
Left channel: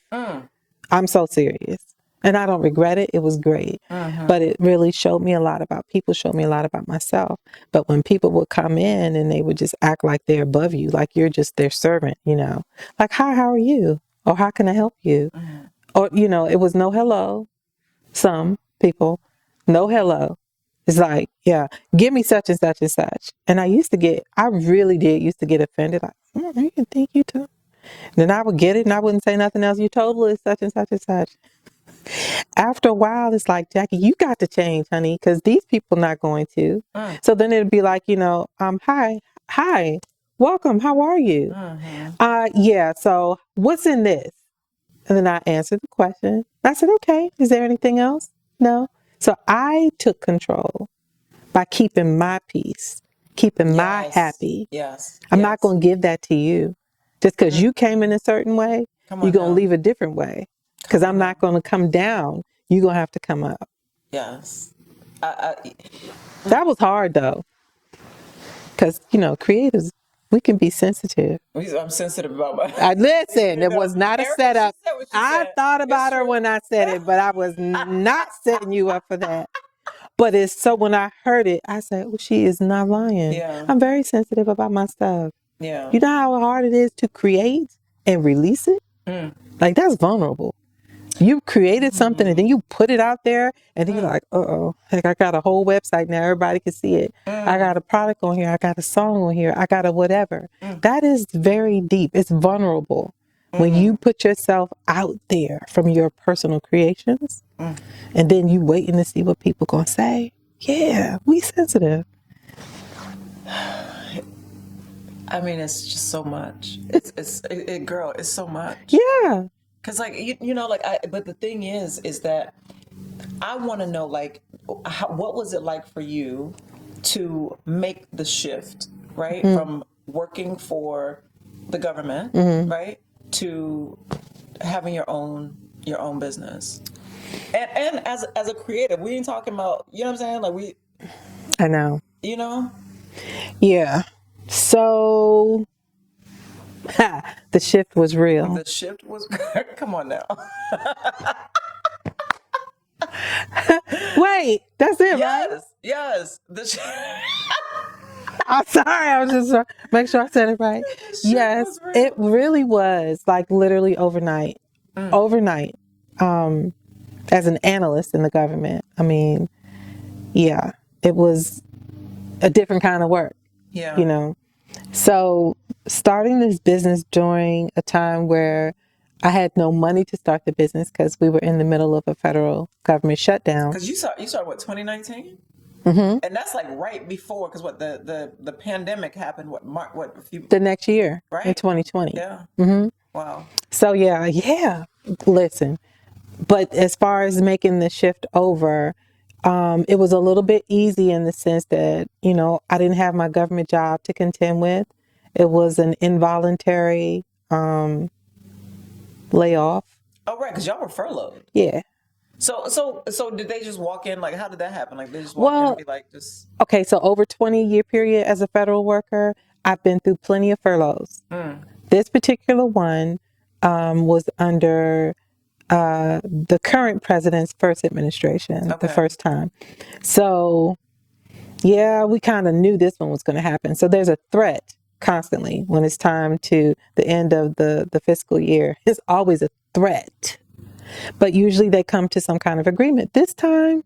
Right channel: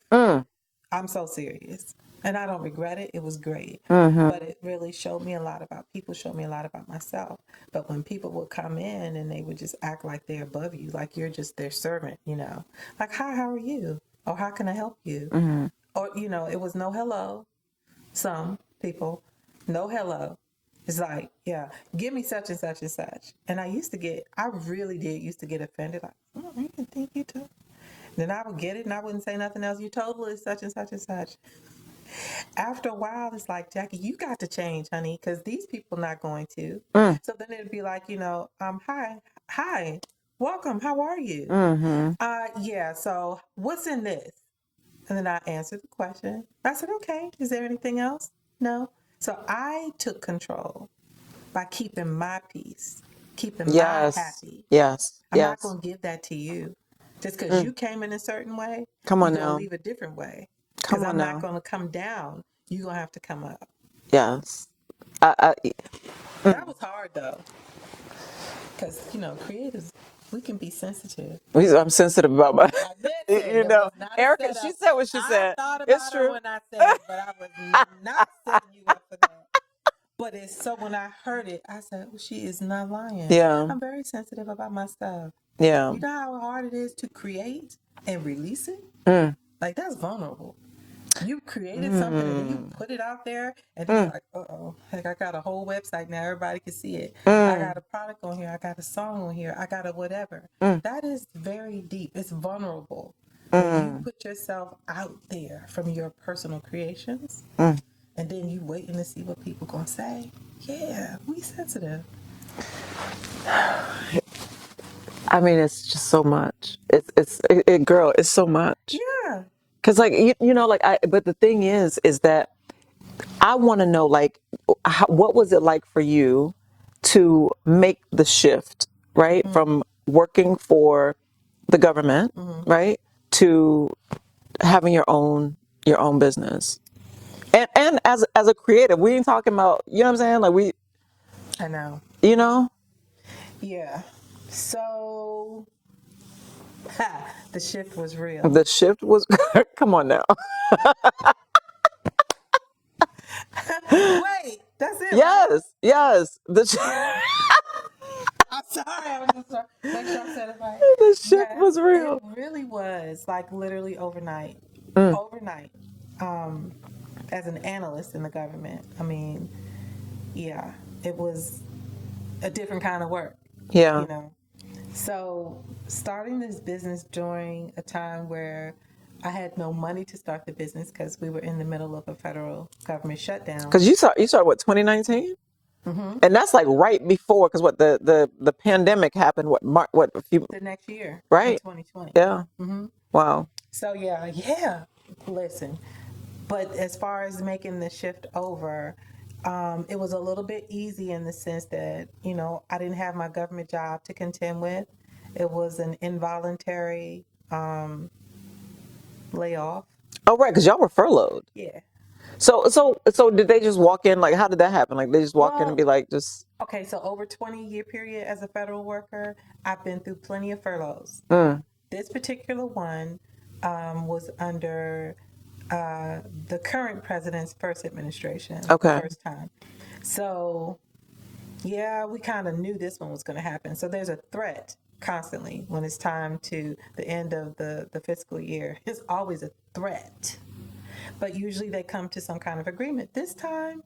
I'm so serious. And I don't regret it. It was great. But it really showed me a lot about people, showed me a lot about myself. But when people would come in and they would just act like they're above you, like you're just their servant, like, "Hi, how are you?" Or "How can I help you?" Or, it was no hello. Some people, no hello. It's like, "Give me such and such and such." And I really did used to get offended. Like, "You can think you too." Then I would get it and I wouldn't say nothing else. "You totally such and such and such." After a while, it's like, "Jackie, you got to change, honey, because these people not going to." So then it'd be like, "Hi, welcome, how are you?" So what's in this?" And then I answered the question. I said, "Okay, is there anything else?" "No." So I took control by keeping my peace, keeping my Yes. happy. Yes. I'm yes. not going to give that to you. Just because you came in a certain way, Come you're on going to now. leave a different way. Because Come I'm on not now. going to come down. You're going to have to come up. Yes. That was hard, though. Because, creatives, we can be sensitive. I'm sensitive about my. Listen, it was not a Erica, setup. she said what she I said. thought It's about her true. when I said it, but I was not setting you up for that. But it's so when I heard it, I said, well, she is not lying. Yeah. I'm very sensitive about my stuff. Yeah. You know how hard it is to create and release it? Like, that's vulnerable. You created something and then you put it out there and then you're like, uh-oh, like I got a whole website now. Everybody can see it. I got a product on here. I got a song on here. I got a whatever. That is very deep. It's vulnerable. When you put yourself out there from your personal creations and then you waiting to see what people gonna say. Yeah, we sensitive. I mean, it's just so much. Girl, it's so much. Yeah. Cause like but the thing is that I want to know like what was it like for you to make the shift, right, from working for the government, right, to having your own business, and as a creative, we ain't talking about, you know what I'm saying, like I know. you know. Yeah. So the shift was real. The shift was come on now. Wait, that's it, right? Yes. I'm sorry. I was just make sure I said it right. The shift was real. It really was, like literally overnight. Overnight. As an analyst in the government, I mean, yeah, it was a different kind of work. Yeah. So starting this business during a time where I had no money to start the business because we were in the middle of a federal government shutdown. Because you started what, 2019? And that's like right before, because what the pandemic happened, The next year, right, in 2020. Yeah. Wow. So yeah. Listen, but as far as making the shift over, it was a little bit easy in the sense that, I didn't have my government job to contend with. It was an involuntary layoff. Oh, right, because y'all were furloughed. Yeah. So did they just walk in? Like, how did that happen? Like, they just walk in and be like, just. Okay, so over 20-year period as a federal worker, I've been through plenty of furloughs. This particular one was under the current president's first administration, the first time. So, yeah, we kind of knew this one was going to happen. So there's a threat constantly when it's time to the end of the fiscal year. It's always a threat. But usually they come to some kind of agreement. This time,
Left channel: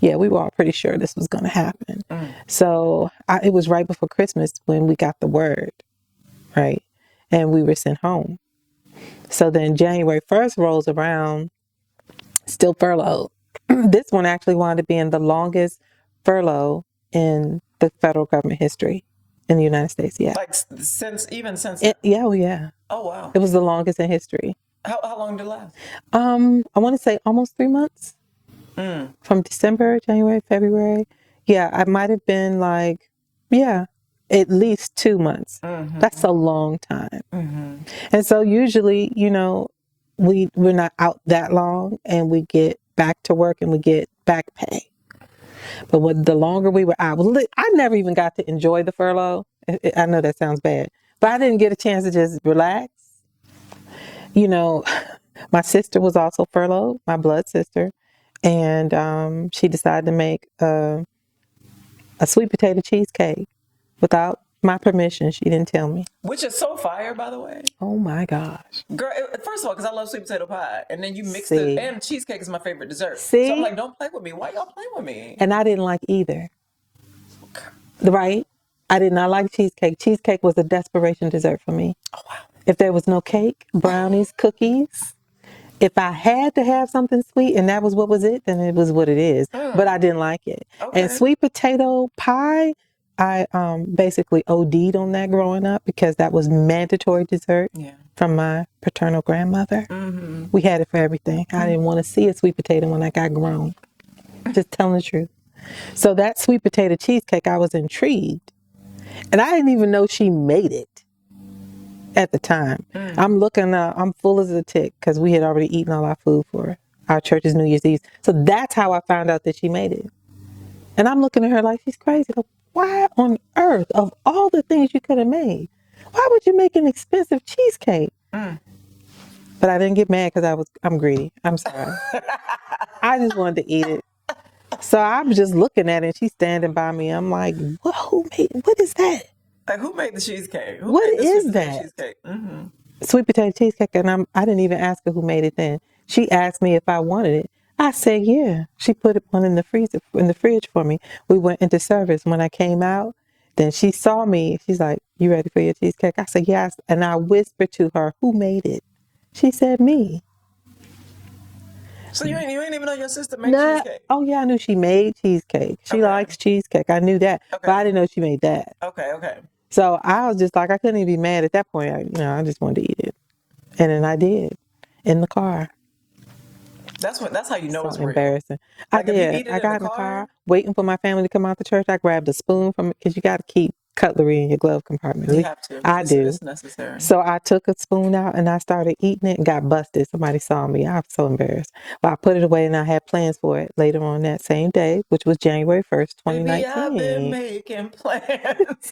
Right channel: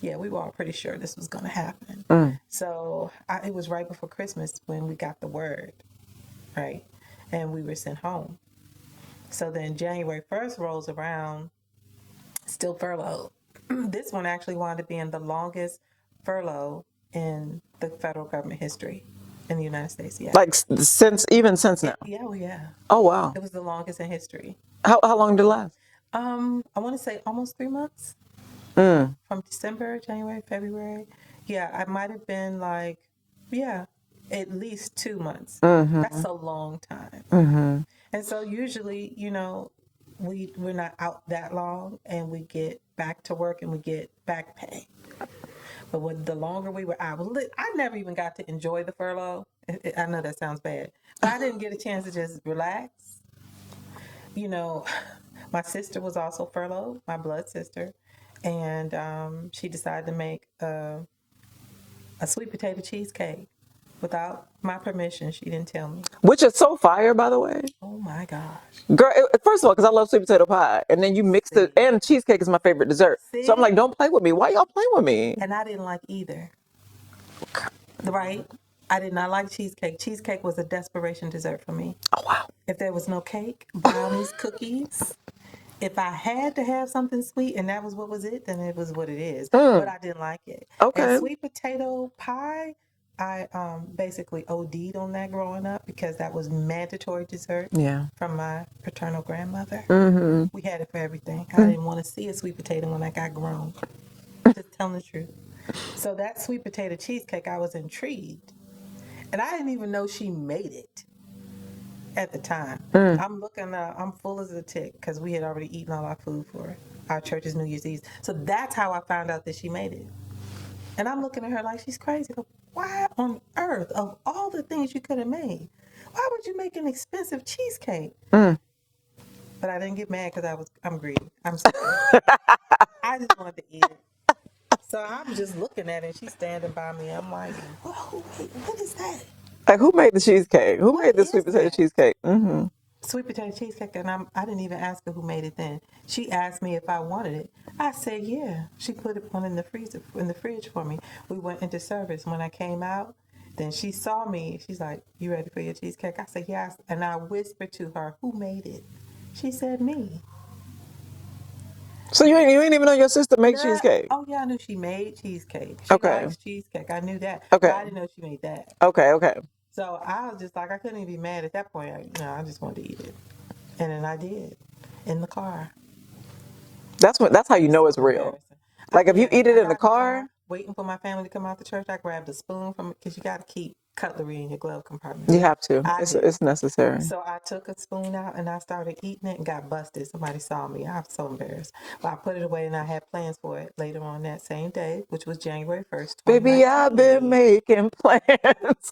yeah, we were all pretty sure this was going to happen. So it was right before Christmas when we got the word, right? And we were sent home. So then January 1st rolls around, still furloughed. This one actually wound up being the longest furlough in the federal government history in the United States. Yeah. Like since now? Yeah. Oh, wow. It was the longest in history. How long did it last? I want to say almost 3 months. From December, January, February. Yeah, I might have been like, at least 2 months. That's a long time. And so usually, we're not out that long and we get back to work and we get back pay. But the longer we were out, I never even got to enjoy the furlough. I know that sounds bad, but I didn't get a chance to just relax. My sister was also furloughed, my blood sister, and she decided to make a sweet potato cheesecake without my permission. She didn't tell me. Which is so fire, by the way. Oh my gosh. Girl, first of all, because I love sweet potato pie. And then you mix it, and cheesecake is my favorite dessert. See? So I'm like, don't play with me. Why y'all playing with me? And I didn't like either. Right? I did not like cheesecake. Cheesecake was a desperation dessert for me. Oh, wow. If there was no cake, brownies, cookies, if I had to have something sweet and that was what was it, then it was what it is. But I didn't like it. Okay. And sweet potato pie, I basically OD'd on that growing up because that was mandatory dessert from my paternal grandmother. We had it for everything. I didn't want to see a sweet potato when I got grown. Just telling the truth. So that sweet potato cheesecake, I was intrigued. And I didn't even know she made it at the time. I'm looking, I'm full as a tick because we had already eaten all our food for our church's New Year's Eve. So that's how I found out that she made it. And I'm looking at her like she's crazy. Like, why on earth, of all the things you could have made, why would you make an expensive cheesecake? But I didn't get mad because I'm greedy. I'm sorry. I just wanted to eat it. So I'm just looking at it. And she's standing by me. I'm like, what is that? Like, who made the cheesecake? Who What made the is sweet potato that? cheesecake? Sweet potato cheesecake. And I didn't even ask her who made it then. She asked me if I wanted it. I said, yeah. She put one in the fridge for me. We went into service. When I came out, then she saw me. She's like, you ready for your cheesecake? I said, yes. And I whispered to her, who made it? She said, me. So you ain't even know your sister made cheesecake? Oh, yeah, I knew she made cheesecake. She Okay. likes cheesecake. I knew that. Okay. But I didn't know she made that. Okay. So I was just like, I couldn't even be mad at that point. I just wanted to eat it. And then I did in the car. That's how you know it's real. Embarrassing. Like, if you eat it I in got the car, waiting for my family to come out the church, I grabbed a spoon from it because you got to keep cutlery in your glove compartment. you have to. Do. It's necessary. So I took a spoon out and I started eating it and got busted. Somebody saw me. I was so embarrassed. But I put it away and I had plans for it later on that same day, which was January 1st, 2019. Baby, I've been making plans.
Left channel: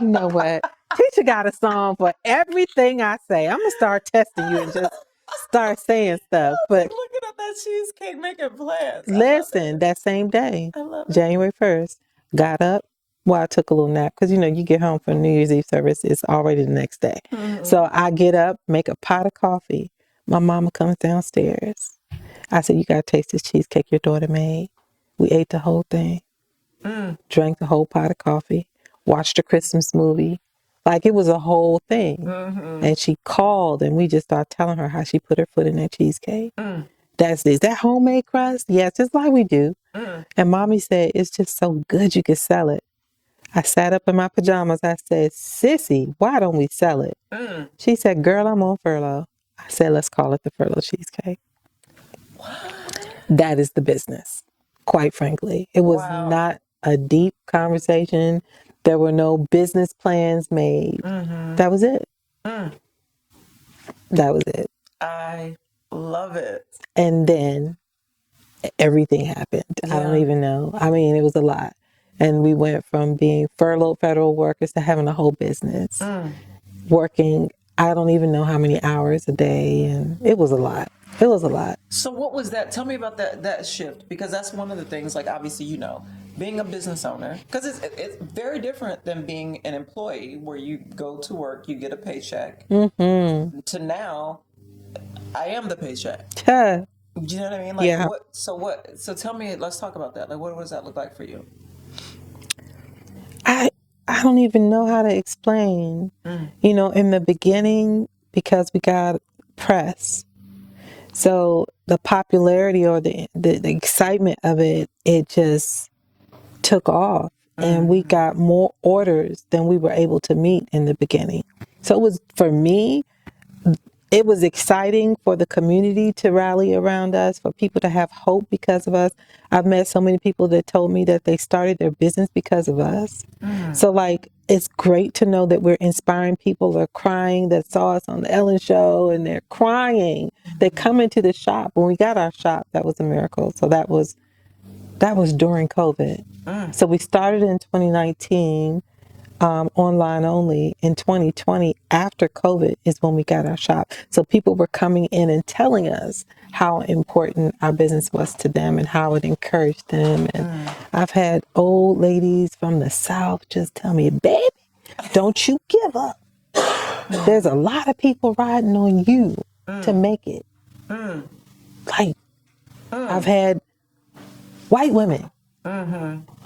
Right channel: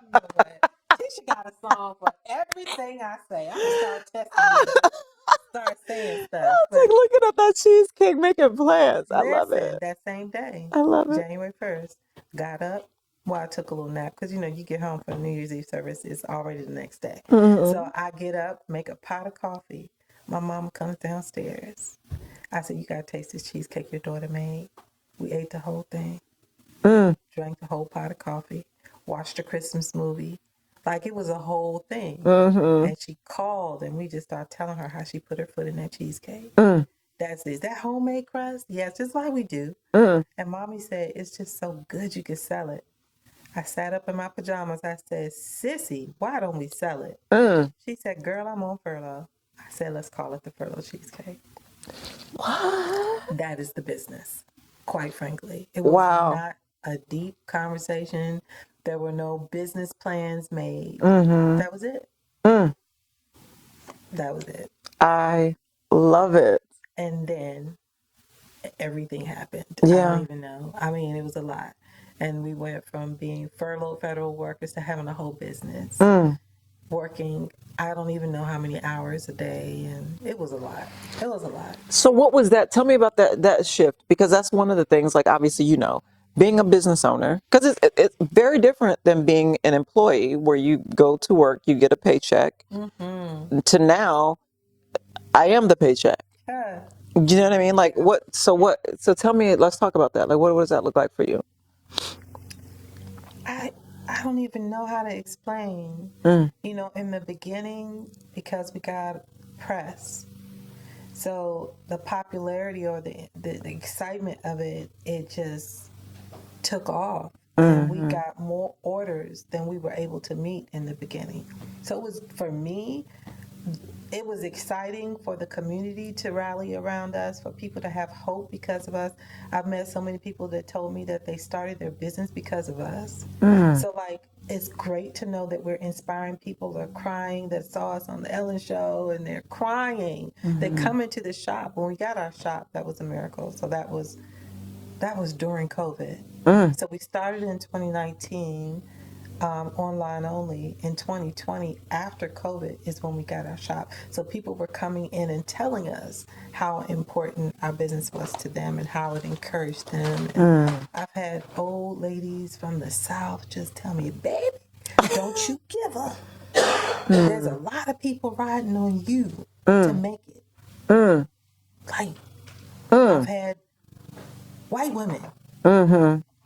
You know what? Tisha got a song for everything I say. I'm going to start testing you and just start saying stuff. But like looking at that cheesecake, making plans. Listen, that same day, I love it. January 1st, got up. Well, I took a little nap because, you get home from New Year's Eve service. It's already the next day. So I get up, make a pot of coffee. My mama comes downstairs. I said, you got to taste this cheesecake your daughter made. We ate the whole thing, drank the whole pot of coffee, watched a Christmas movie. Like, it was a whole thing. And she called and we just started telling her how she put her foot in that cheesecake. Is that homemade crust? Yes, just like we do. And mommy said, it's just so good you could sell it. I sat up in my pajamas. I said, Sissy, why don't we sell it? She said, girl, I'm on furlough. I said, let's call it the furlough cheesecake. What? That is the business, quite frankly. It was not a deep conversation. There were no business plans made. That was it. That was it. I love it. And then everything happened. Yeah. I don't even know. I mean, it was a lot. And we went from being furloughed federal workers to having a whole business, working, I don't even know how many hours a day. And it was a lot. It was a lot. So what was that? Tell me about that shift, because that's one of the things, like, obviously, being a business owner, because it's very different than being an employee where you go to work, you get a paycheck, to now, I am the paycheck. Yeah. Do you know what I mean? Like, Yeah. So tell me, let's talk about that. Like, what does that look like for you? I don't even know how to explain. In the beginning, because we got press, so the popularity or the excitement of it just took off. And we got more orders than we were able to meet in the beginning. So it was, for me, it was exciting for the community to rally around us, for people to have hope because of us. I've met so many people that told me that they started their business because of us. So, like, it's great to know that we're inspiring people that are crying, that saw us on the Ellen Show, and they're crying. They come into the shop. When we got our shop, that was a miracle. So that was during COVID. So we started in 2019. Online only. In 2020, after COVID, is when we got our shop. So people were coming in and telling us how important our business was to them and how it encouraged them. And I've had old ladies from the South just tell me, baby, don't you give up. There's a lot of people riding on you to make it. Like, I've had white women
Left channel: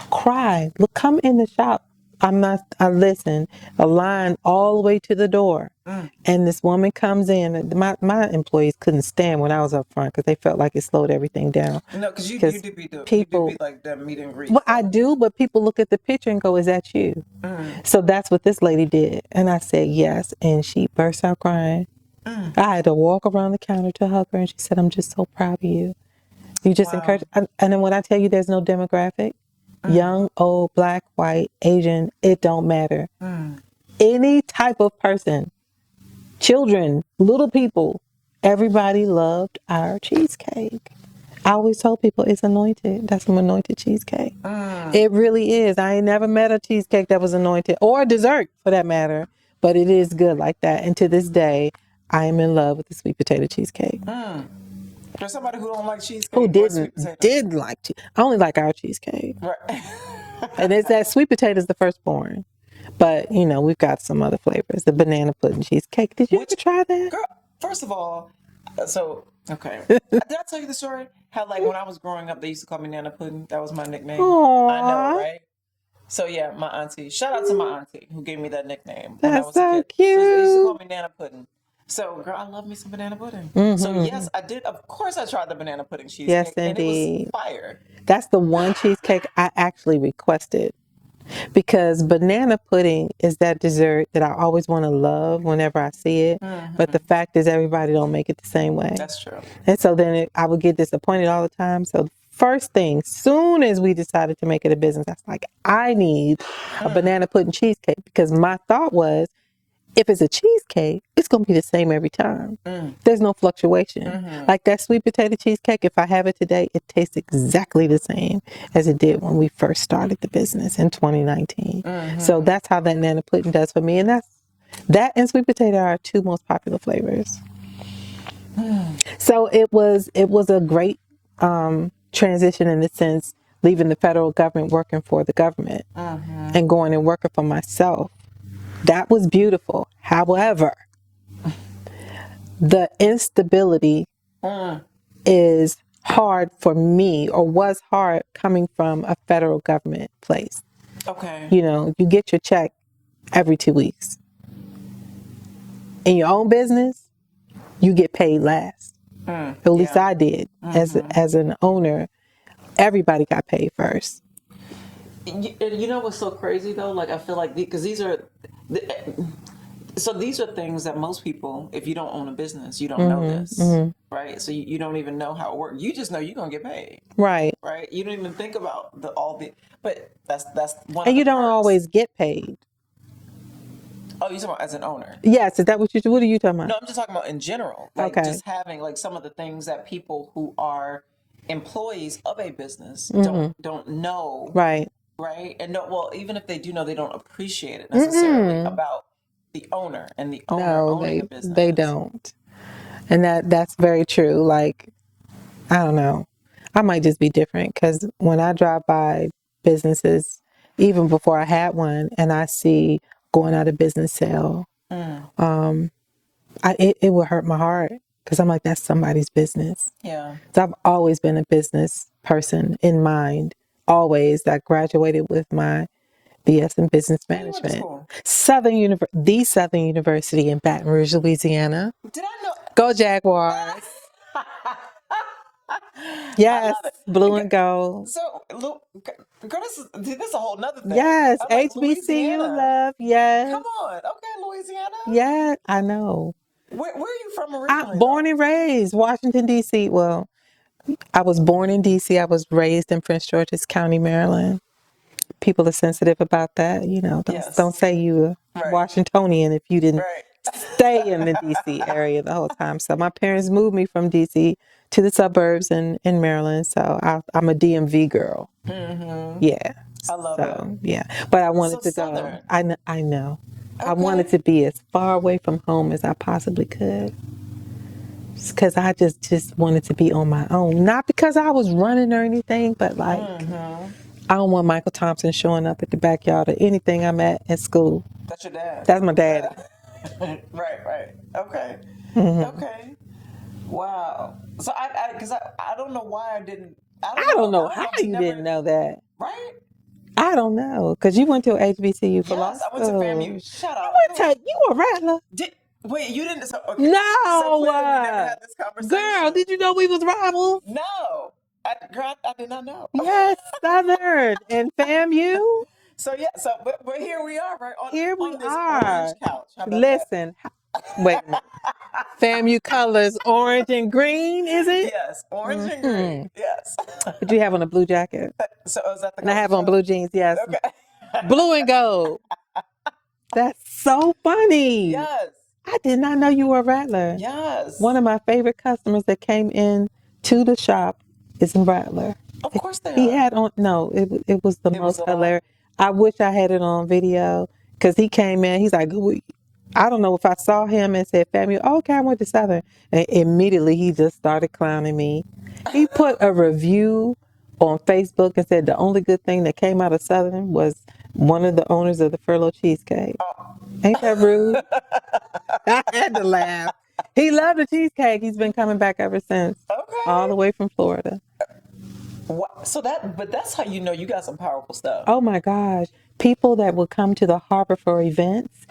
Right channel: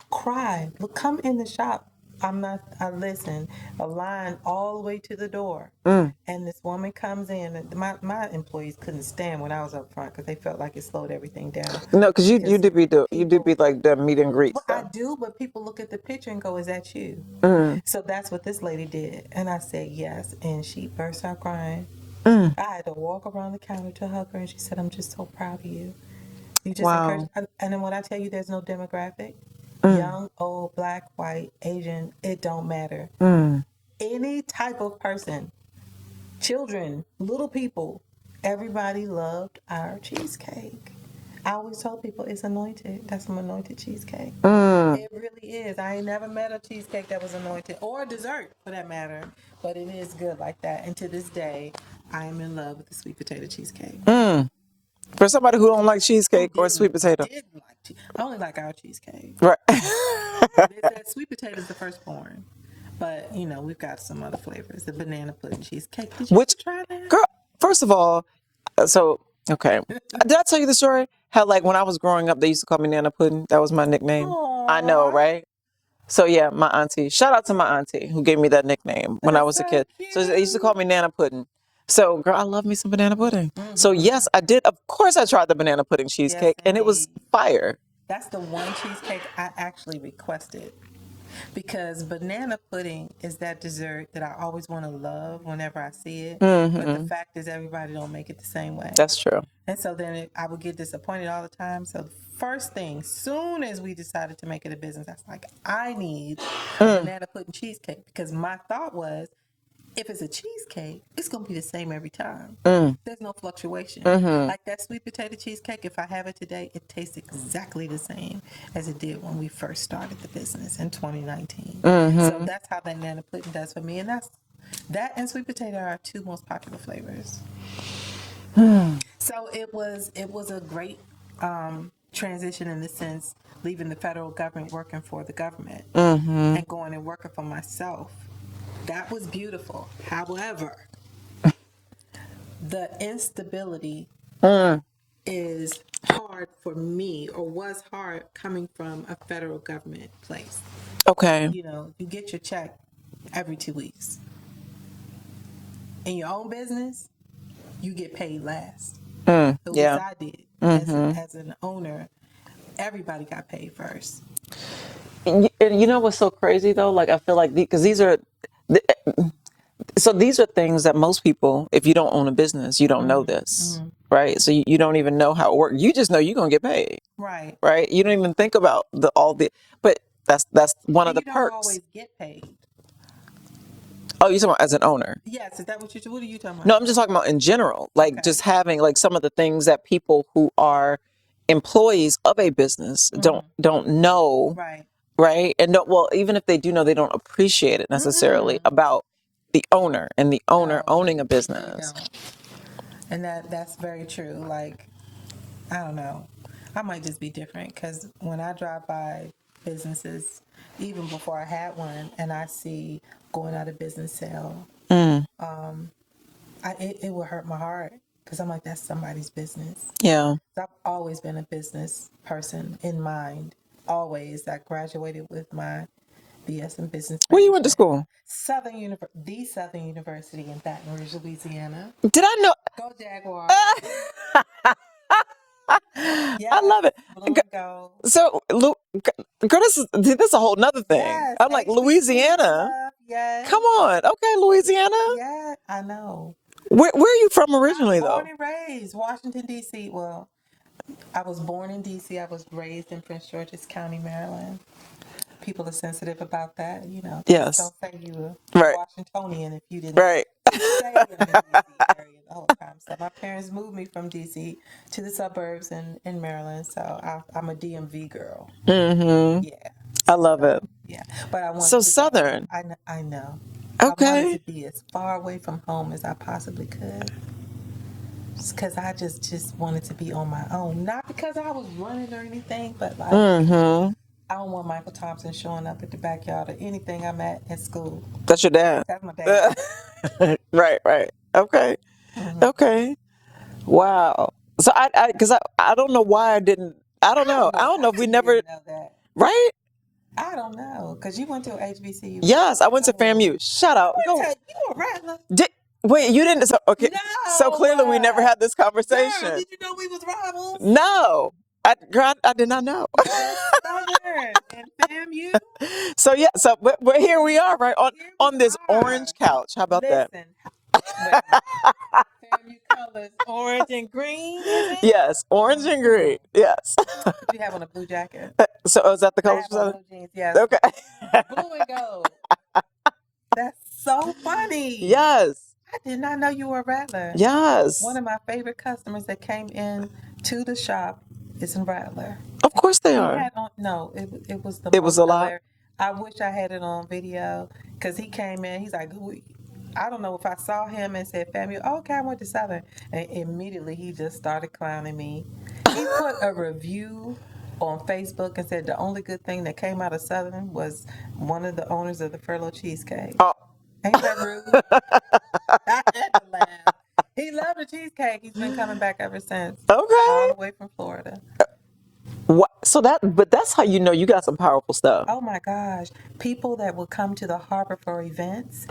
cry, look, come in the shop. I listen, a line all the way to the door. And this woman comes in. My employees couldn't stand when I was up front because they felt like it slowed everything down. No, because you do be like the meet and greet. Well, I do, but people look at the picture and go, is that you? So that's what this lady did. And I said, yes. And she burst out crying. I had to walk around the counter to hug her. And she said, I'm just so proud of you. You just encourage. And then when I tell you there's no demographic, young, old, black, white, Asian, it don't matter. Any type of person, children, little people, everybody loved our cheesecake. I always told people it's anointed. That's some anointed cheesecake. It really is. I ain't never met a cheesecake that was anointed, or a dessert for that matter, but it is good like that. And to this day, I am in love with the sweet potato cheesecake. For somebody who don't like cheesecake or sweet potato. Did like I only like our cheesecake. Right. And it's that sweet potato is the firstborn. But, you know, we've got some other flavors. The banana pudding cheesecake. Did you ever try that? Girl, first of all, okay. Did I tell you the story? How, like, when I was growing up, they used to call me Nana Pudding. That was my nickname. Aww. I know, right? So, yeah, my auntie. Shout out to my auntie who gave me that nickname when I was a kid. Cute. So they used to call me Nana Pudding. So, girl, I love me some banana pudding. So, yes, I did. Of course, I tried the banana pudding cheesecake, and it was fire. That's the one cheesecake I actually requested, because banana pudding is that dessert that I always want to love whenever I see it. But the fact is, everybody don't make it the same way. That's true. And so then I would get disappointed all the time. So first thing, soon as we decided to make it a business, I was like, I need a banana pudding cheesecake, because my thought was, if it's a cheesecake, it's going to be the same every time. There's no fluctuation. Like that sweet potato cheesecake, if I have it today, it tastes exactly the same as it did when we first started the business in 2019. So that's how that Nana pudding does for me. And that and sweet potato are our two most popular flavors. So it was a great transition, in the sense, leaving the federal government, working for the government, and going and working for myself. That was beautiful. However, the instability is hard for me, or was hard, coming from a federal government place. Okay. You know, you get your check every 2 weeks. In your own business, you get paid last. At least I did. As an owner, everybody got paid first. You know what's so crazy though? Like, I feel like because these are things that most people, if you don't own a business, you don't know this, right? So you don't even know how it works. You just know you're gonna get paid, Right? You don't even think about but that's one of the And you don't perks. always get paid. Oh, you're talking about as an owner? Yes. Is that what are you talking about? No, I'm just talking about in general, like just having like some of the things that people who are employees of a business don't know. Right. And even if they do know, they don't appreciate it necessarily about the owner and the owner owning a business. They don't. And that's very true. Like, I don't know. I might just be different, because when I drive by businesses, even before I had one, and I see going out of business sale, it would hurt my heart, because I'm like, that's somebody's business. Yeah. So I've always been a business person in mind. Always. I graduated with my BS in business management. Where you went to school? The Southern University in Baton Rouge, Louisiana. Did I know? Go Jaguars. Yeah, I love it. Blue and gold. So, girl, this is a whole nother thing. Yes, I'm like, HBCU Louisiana. love, yes. Come on. Okay, Louisiana. Yeah, I know. Where are you from originally, I'm born and raised Washington, D.C. Well, I was born in D.C. I was raised in Prince George's County, Maryland. People are sensitive about that, you know. Don't say you were Washingtonian if you didn't stay in the D.C. area the whole time. So my parents moved me from D.C. to the suburbs in Maryland. So I'm a DMV girl. Yeah. I love it. Yeah. But I wanted to Southern. I know. Okay. I wanted to be as far away from home as I possibly could. Because I just wanted to be on my own. Not because I was running or anything, but like, I don't want Michael Thompson showing up at the backyard or anything I'm at school. That's your dad? That's my dad. Right. Okay. Okay. Wow. So I don't know why I didn't. I don't know if we never didn't know that. Right? I don't know, because you went to HBCU. Yes, I went to FAMU. Shut up. You were a rattler. Wait, you didn't? Okay. No. So clearly we never had this conversation. Girl, did you know we was rivals? No. I did not know. Yes, Southern and FAMU. So yeah, so here we are, right on this orange couch. How about that? Listen, Wait a minute. FAMU colors, orange and green, is it? Yes, orange and green. Yes. But you have on a blue jacket. So is that the And I color? have on blue jeans, yes. Okay. Blue and gold. That's so funny. Yes. I did not know you were a Rattler. Yes. One of my favorite customers that came in to the shop is a Rattler. Of course they He are. had on, no, it was the It most was a lot? hilarious. I wish I had it on video because he came in, he's like, I don't know if I saw him and said, "Family, oh, okay, I went to Southern." And immediately he just started clowning me. He put a review on Facebook and said the only good thing that came out of Southern was one of the owners of the Furlough Cheesecake. Oh. Ain't that rude? I had to laugh. He loved the cheesecake. He's been coming back ever since. Okay. All the way from Florida. What? So but that's how you know you got some powerful stuff. Oh my gosh. People that would come to the harbor for events,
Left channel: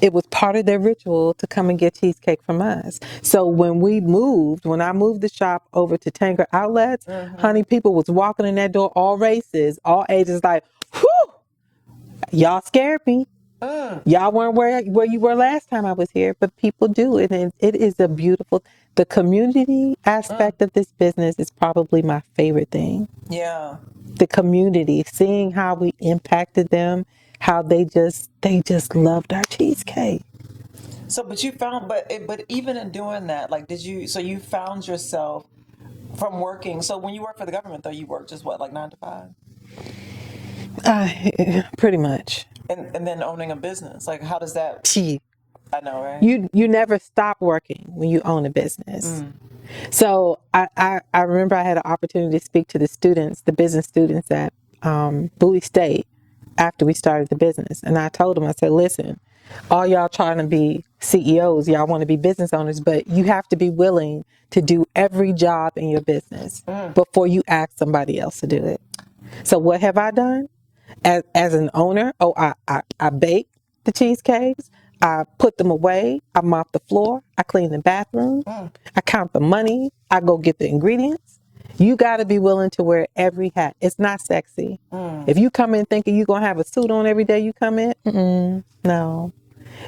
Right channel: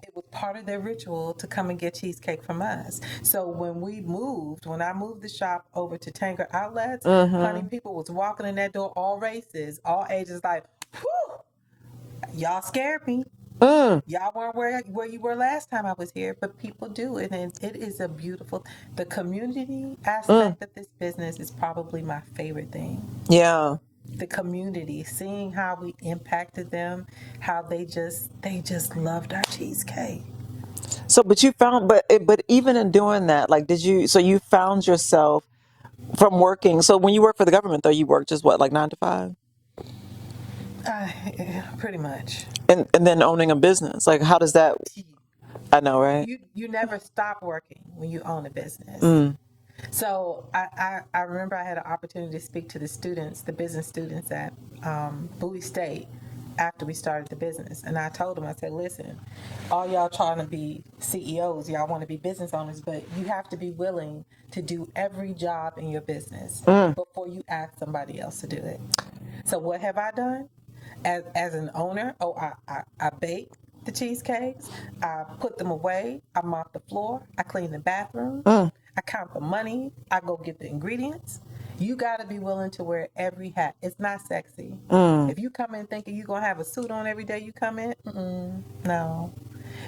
it was part of their ritual to come and get cheesecake from us. So when I moved the shop over to Tanger Outlets, honey, people was walking in that door, all races, all ages, like, whew, y'all scared me. Y'all weren't where you were last time I was here, but people do it, and it is a beautiful. The community aspect of this business is probably my favorite thing. Yeah. The community, seeing how we impacted them, how they just loved our cheesecake. So, but you found, but even in doing that, like, so you found yourself from working. So when you work for the government, though, you work just what, like 9 to 5? Pretty much. And then owning a business, like how does that? I know, right? You never stop working when you own a business. So I remember I had an opportunity to speak to the business students at Bowie State after we started the business, and I told them, I said, listen, all y'all trying to be CEOs, y'all want to be business owners, but you have to be willing to do every job in your business before you ask somebody else to do it. So what have I done? As an owner, I bake the cheesecakes, I put them away, I mop the floor, I clean the bathroom, I count the money, I go get the ingredients. You got to be willing to wear every hat. It's not sexy. If you come in thinking you're going to have a suit on every day you come in, no.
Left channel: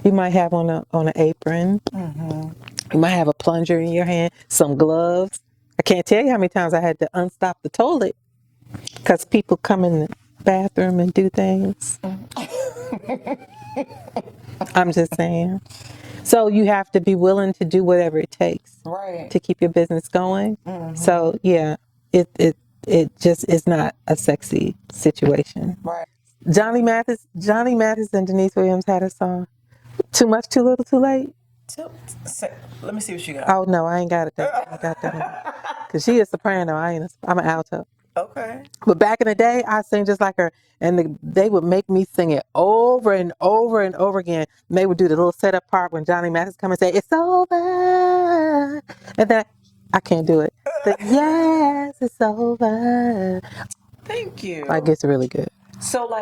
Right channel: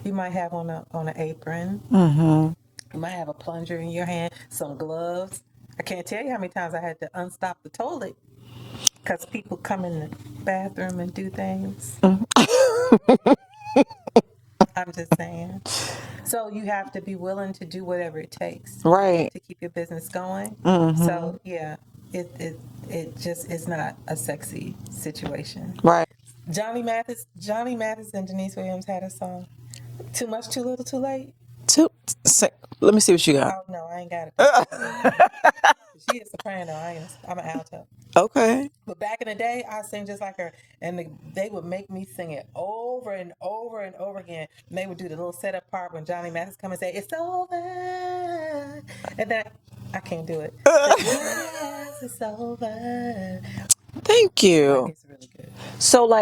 You might have on an apron. You might have a plunger in your hand, some gloves. I can't tell you how many times I had to unstop the toilet because people come in the bathroom and do things. I'm just saying. So you have to be willing to do whatever it takes, right, to keep your business going. So yeah, it just is not a sexy situation. Right. Johnny Mathis and Denise Williams had a song. Too much, too little, too late. Let me see what you got. Oh no, I ain't got it. Because she is soprano. I'm an alto. Okay. But back in the day, I sang just like her, and they would make me sing it over and over and over again. And they would do the little setup part when Johnny Mathis come and say, "It's over," and then I can't do it. But, yes, it's over. Thank you. Like, it's really good. So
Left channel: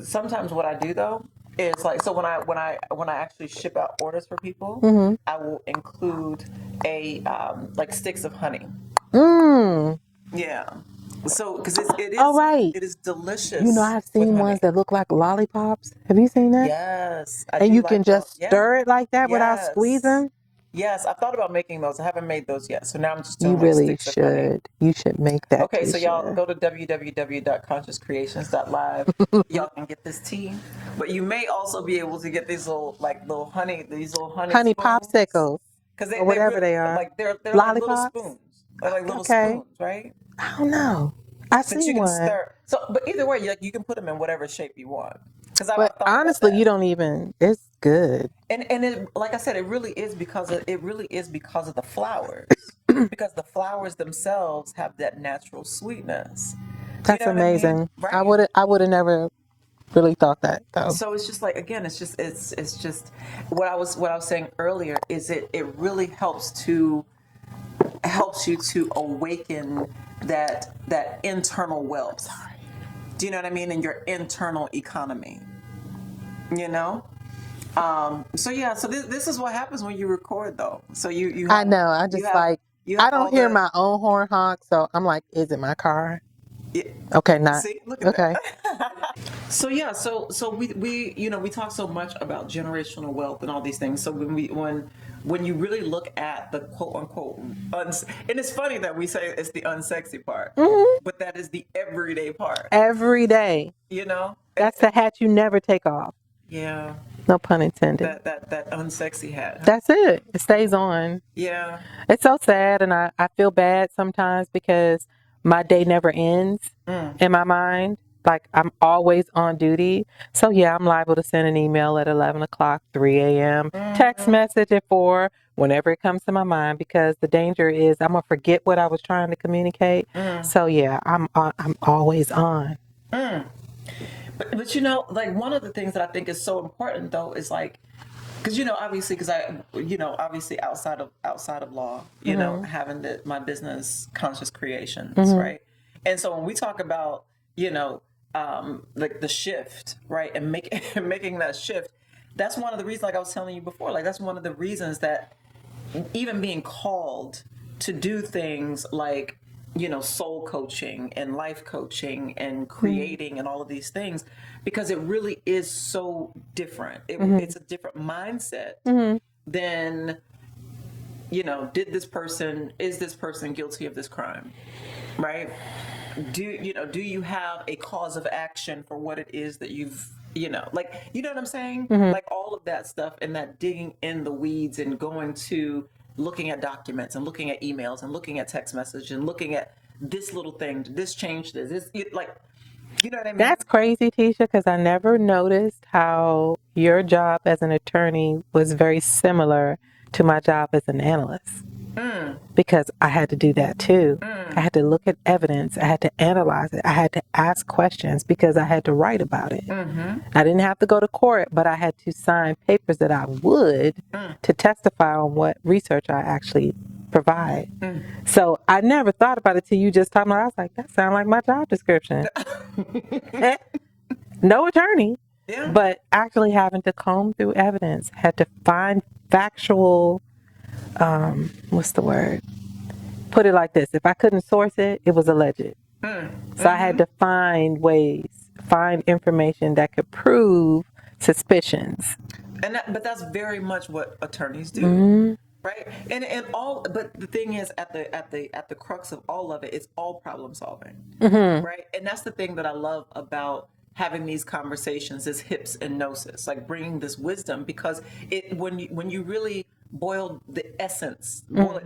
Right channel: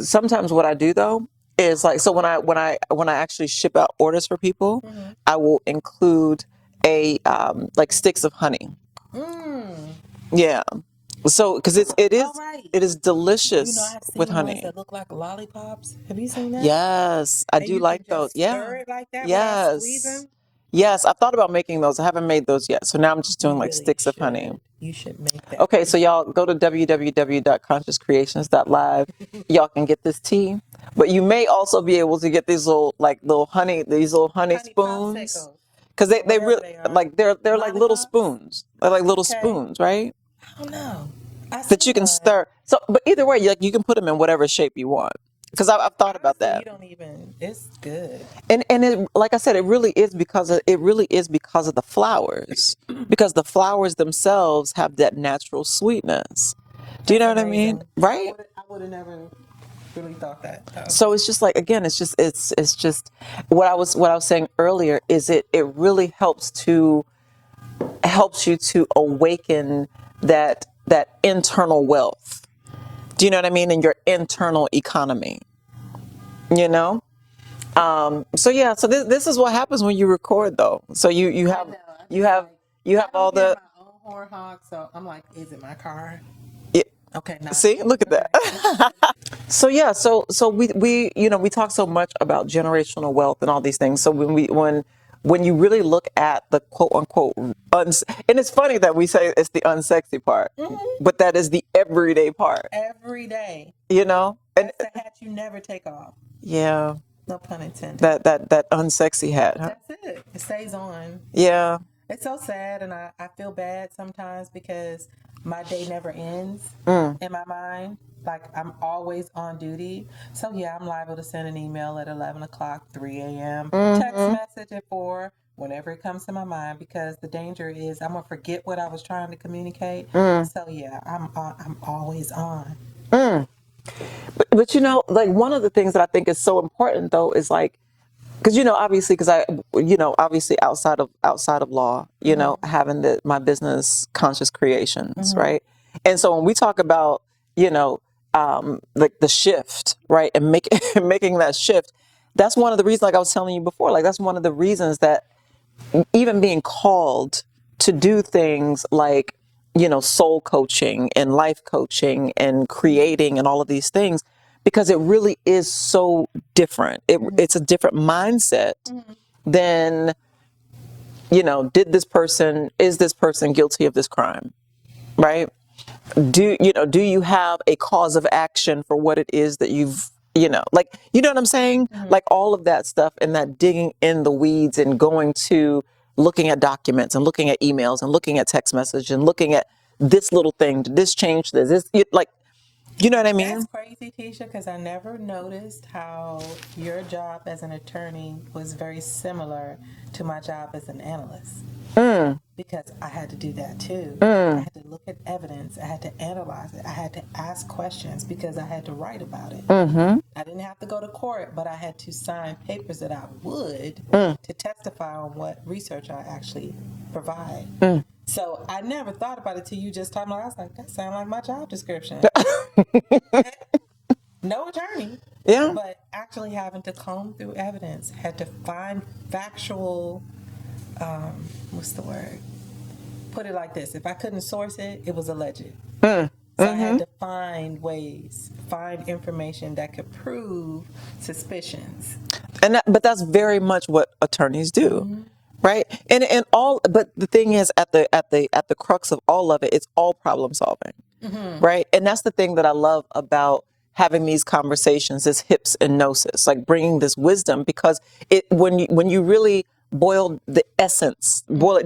sometimes what I do though is like, so when I actually ship out orders for people, I will include a like sticks of honey. Yeah. So, because it is, oh, right. it is delicious. You know, I've seen ones that look like lollipops. Have you seen that? Yes, I and do you like can just those. stir it like that without squeezing. Yes, I thought about making those. I haven't made those yet. So now I'm just doing like sticks of honey. You should make that. Okay, so y'all go to www.consciouscreations.live. Y'all can get this tea. But you may also be able to get these little honey spoons. Popsicles. Because they really, they are. like they're like little spoons. They're like little spoons, right? I don't know. That you can stir. So, but either way, you can put them in whatever shape you want. Because I've thought honestly, about that. you don't even. It's good. And it, like I said, it really is because of the flowers. Because the flowers themselves have that natural sweetness. Do you know what amazing. I mean? Right. I would have never really thought that, though. So it's just like, again, it's just what I was saying earlier is it really helps you to awaken that internal wealth. Do you know what I mean? In your internal economy. You know? So this is what happens when you record though. So you have, I know. I just I don't hear my own horn honk, so I'm like, is it my car? Yeah. Okay, not. See, look at Okay. that. So yeah, so we we talk so much about generational wealth and all these things. So when you really look at the quote unquote and it's funny that we say it's the unsexy part, but that is the everyday part. Every day. You know, That's the hat you never take off. yeah, No pun intended. that unsexy hat. Huh? That's it. It stays on. Yeah. It's so sad, and I feel bad sometimes because my day never ends in my mind. Like, I'm always on duty. So, yeah, I'm liable to send an email at 11 o'clock, 3 a.m., text message at 4, whenever it comes to my mind, because the danger is I'm going to forget what I was trying to communicate. So, yeah, I'm always on. But you know, like one of the things that I think is so important though is like, because obviously, obviously outside of law, having my business Conscious Creations, right? And so when we talk about like the shift, right, and making that shift, that's one of the reasons, like I was telling you before, like that's one of the reasons that even being called to do things like soul coaching and life coaching and creating and all of these things, because it really is so different. It's a different mindset than is this person guilty of this crime, right? Do you have a cause of action for what it is that you've like, you know what I'm saying? Like all of that stuff, and that digging in the weeds and going to looking at documents and looking at emails and looking at text message and looking at this little thing, did this change this, like, you know what I mean? That's crazy, Tisha, because I never noticed how your job as an attorney was very similar to my job as an analyst. Because I had to do that too. I had to look at evidence. I had to analyze it. I had to ask questions because I had to write about it. I didn't have to go to court, but I had to sign papers that I would to testify on what research I actually provide. So I never thought about it till you just talking about it. I was like, that sounds like my job description. No attorney. Yeah. But actually having to comb through evidence, had to find factual, what's the word? Put it like this. If I couldn't source it, it was alleged. So I had to find information that could prove suspicions. But that's very much what attorneys do. Right. But the thing is, at the crux of all of it, it's all problem solving. Right. And that's the thing that I love about having these conversations, this hips and gnosis, like bringing this wisdom, because when you really boil it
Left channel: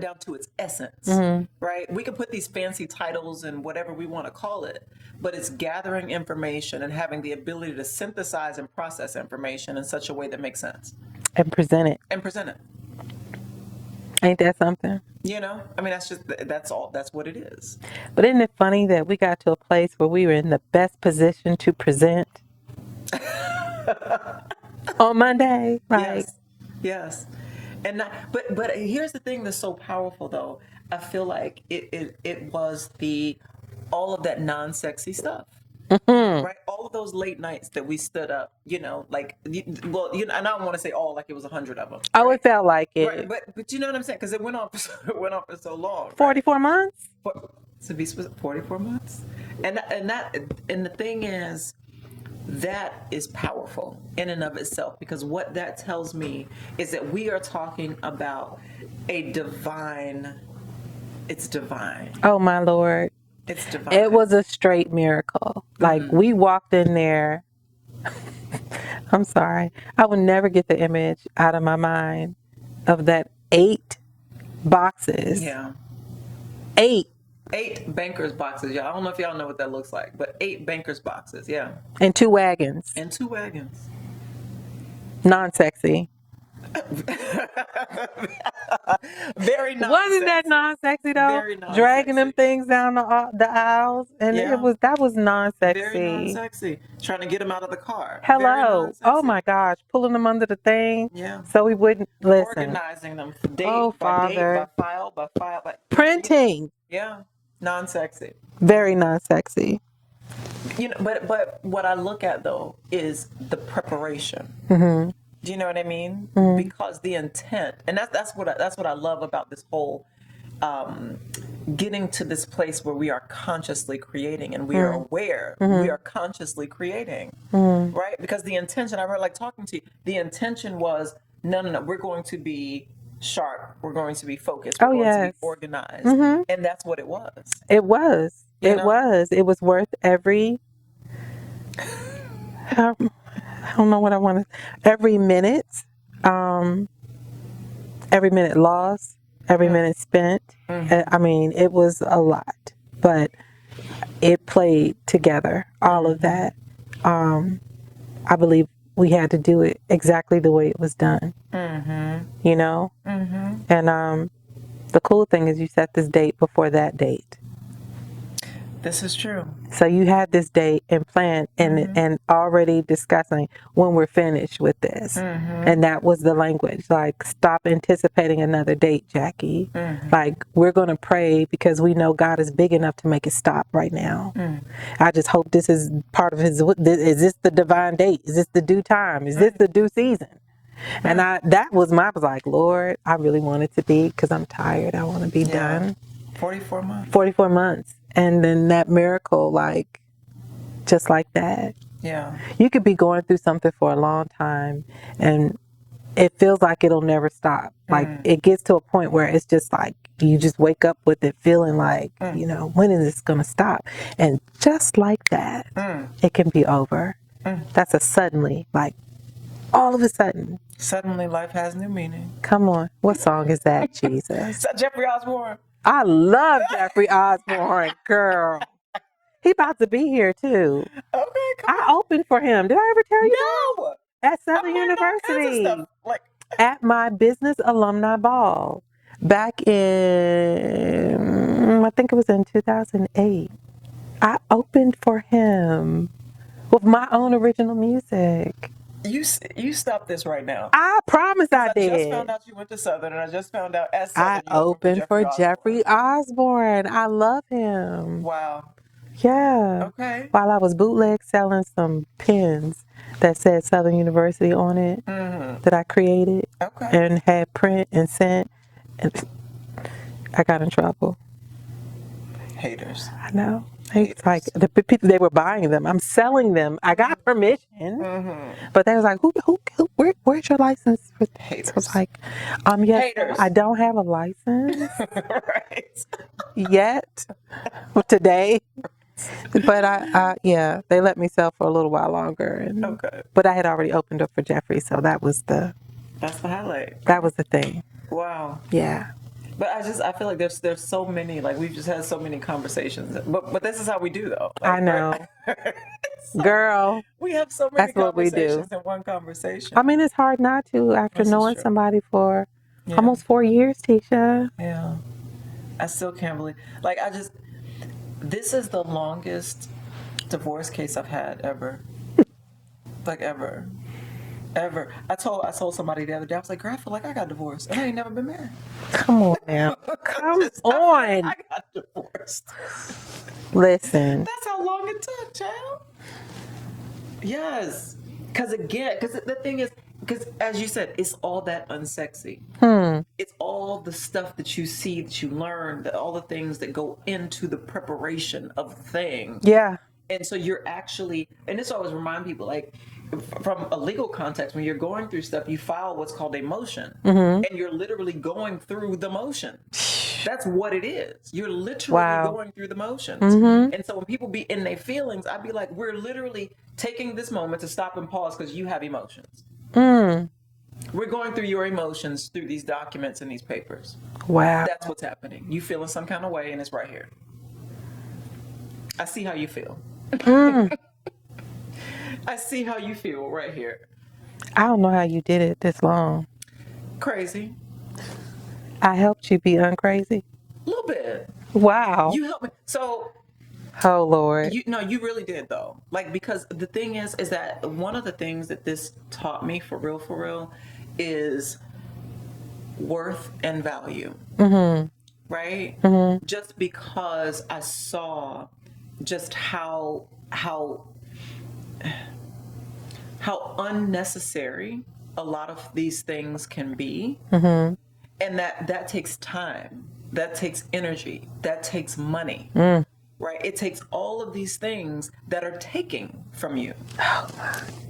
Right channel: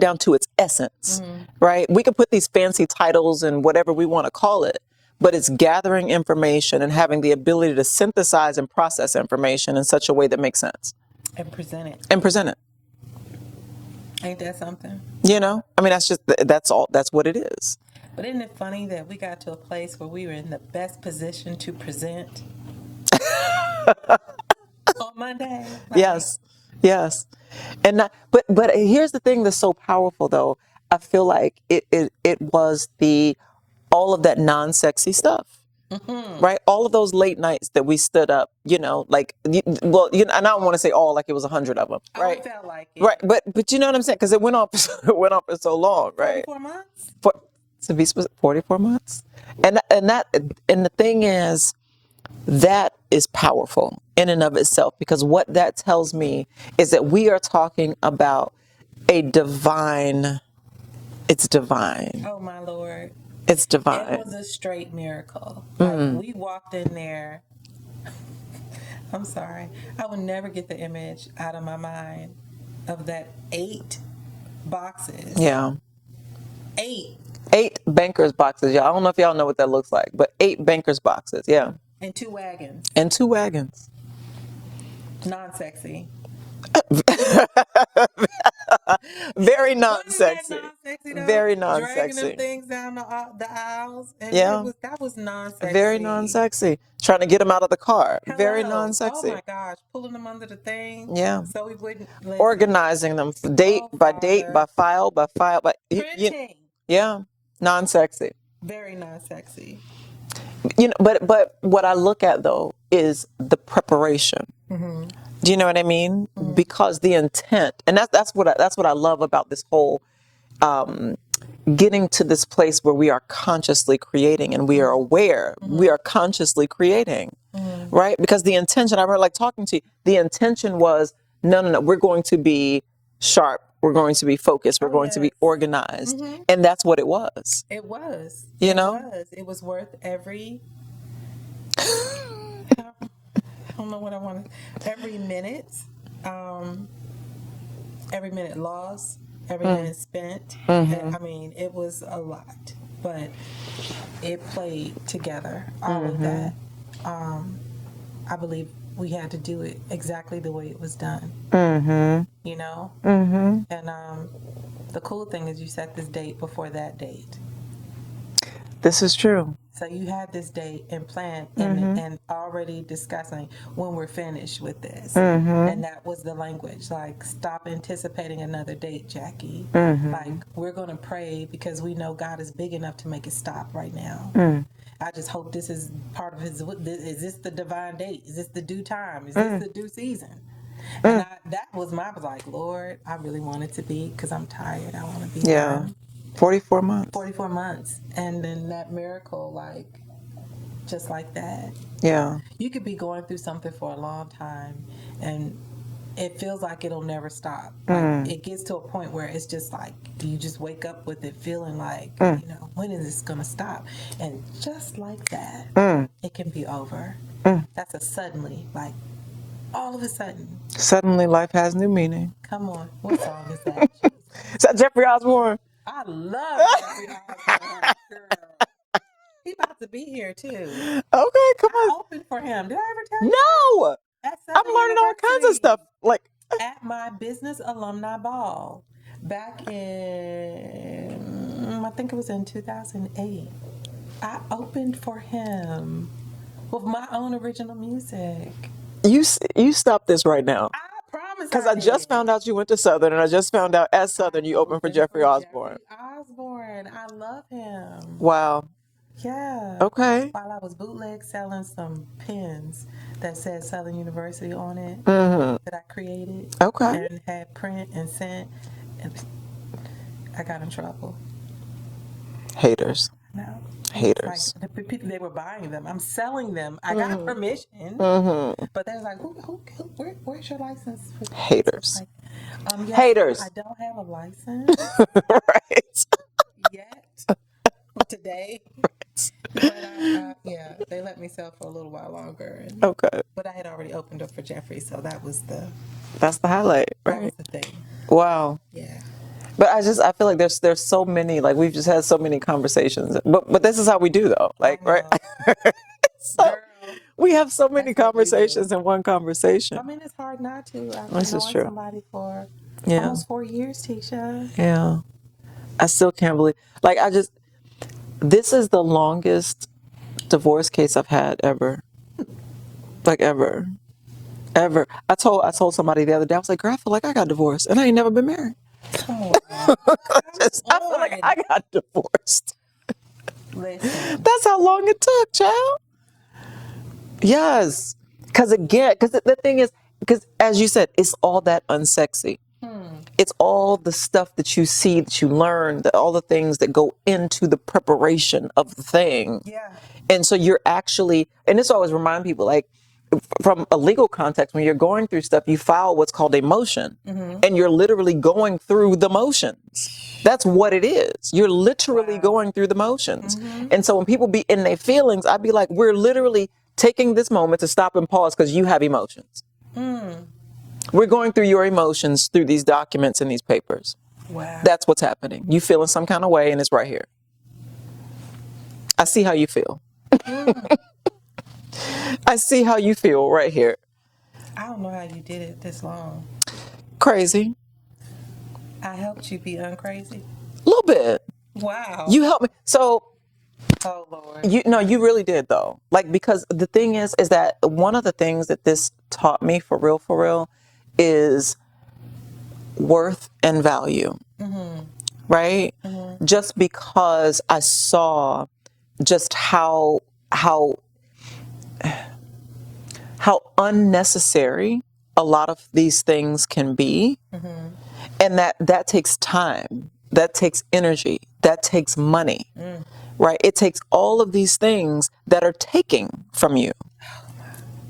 down to its essence, right? We can put these fancy titles and whatever we want to call it, but it's gathering information and having the ability to synthesize and process information in such a way that makes sense. And present it. Ain't that something? I mean, that's what it is. But isn't it funny that we got to a place where we were in the best position to present on Monday? Like, Yes. But here's the thing that's so powerful, though. I feel like it was all of that non-sexy stuff, right? All of those late nights that we stood up, and I don't want to say all, like it was 100 of them. Oh, right? It felt like it. Right, but you know what I'm saying? Because it went on for so long. 44 months? To be specific, 44 months. And the thing is, that is powerful in and of itself, because what that tells me is that we are talking about it's divine. Oh, my Lord. It's divine. It was a straight miracle. Like, we walked in there. I'm sorry. I would never get the image out of my mind of that 8 boxes. Yeah. 8 bankers boxes. Yeah, I don't know if y'all know what that looks like, but 8 bankers boxes. Yeah. And 2 wagons. Non-sexy. Very non-sexy. Wasn't that non-sexy though? Very non-sexy. Dragging them things down the aisles, and that was non-sexy. Very non-sexy. Trying to get them out of the car. Hello. Very non-sexy. Oh my gosh, pulling them under the thing. Yeah. So we wouldn't listen. Organizing them date by file by printing. Yeah. Non-sexy. Very non-sexy. But what I look at though is the preparation. Do you know what I mean? Because the intent, and that's what I love about this whole, getting to this place where we are consciously creating and we are aware we are consciously creating, right? Because the intention, I remember like talking to you, the intention was, no, we're going to be sharp, we're going to be focused, we're going to be organized. And that's what it was. It was. You It know? was. It was worth every, I don't know what I want to, every minute lost, every minute spent. I mean, it was a lot, but it played together, all of that. I believe we had to do it exactly the way it was done, you know? And the cool thing is you set this date before that date. This is true. So you had this date and planned and already discussing when we're finished with this. And that was the language. Like, stop anticipating another date, Jackie. Like, we're going to pray because we know God is big enough to make it stop right now. I just hope this is part of his, is this the divine date? Is this the due time? Is this the due season? And I was like, Lord, I really want it to be, because I'm tired. I want to be done. 44 months. 44 months. And then that miracle, like, just like that. Yeah. You could be going through something for a long time and it feels like it'll never stop. Like, it gets to a point where it's just like, you just wake up with it feeling like, you know, when is this going to stop? And just like that, it can be over. That's a suddenly, like, all of a sudden. Suddenly life has new meaning. Come on. What song is that, Jesus? Is that Jeffrey Osborne? I love Jeffrey Osborne, girl. He about to be here too. Okay, come on. I opened for him. Did I ever tell you? No. That? At I'm Southern learning all University. kinds of stuff. Like, at my business alumni ball back in, I think it was in 2008. I opened for him with my own original music. you stop this right now. I promise I did. Because I just found out you went to Southern, and I just found out at Southern you opened for Jeffrey Osborne. Jeffrey Osborne. I love him. Wow. Yeah. Okay. While I was bootleg selling some pins that said Southern University on it that I created. Okay. And had print and sent. And I got in trouble. Haters. I know. Haters. Like, the people, they were buying them. I'm selling them. I got permission. But they was like, where's your license? Haters. I was like, yes, Haters. I don't have a license Right. yet today. But yeah, they let me sell for a little while longer. And, Okay. But I had already opened up for Jeffrey, so that's the highlight. Right? That was the thing. Wow. Yeah. But I feel like there's so many, like, we've just had so many conversations. But this is how we do, though. Like, I know. Right? So, girl, we have so many that's what we do. conversations in one conversation. I mean, it's hard not to after This is knowing true. somebody for Yeah. almost 4 years, Tisha. Yeah. I still can't believe, like, this is the longest divorce case I've had ever. Like, ever. I told somebody the other day, I was like, girl, I feel like I got divorced and I ain't never been married. Come on now. Come I feel on. like I got divorced. Listen. That's how long it took, child. Yes. Because the thing is, because as you said, it's all that unsexy. It's all the stuff that you see, that you learn, all the things that go into the preparation of the thing. Yeah. And so you're actually, and this always remind people, like, from a legal context, when you're going through stuff, you file what's called a motion, and you're literally going through the motion. That's what it is. You're literally going through the motions. And so when people be in their feelings, I'd be like, we're literally taking this moment to stop and pause because you have emotions. We're going through your emotions through these documents and these papers. Wow. That's what's happening. You feel in some kind of way, and it's right here. I see how you feel. I see how you feel right here. I don't know how you did it this long. Crazy. I helped you be uncrazy. A little bit. Wow. You helped me. So, oh, Lord. you really did, though. Like, because the thing is that one of the things that this taught me for real, is worth and value. Right? Just because I saw just how unnecessary a lot of these things can be, and that takes time, that takes energy, that takes money, right? It takes all of these things that are taking from you,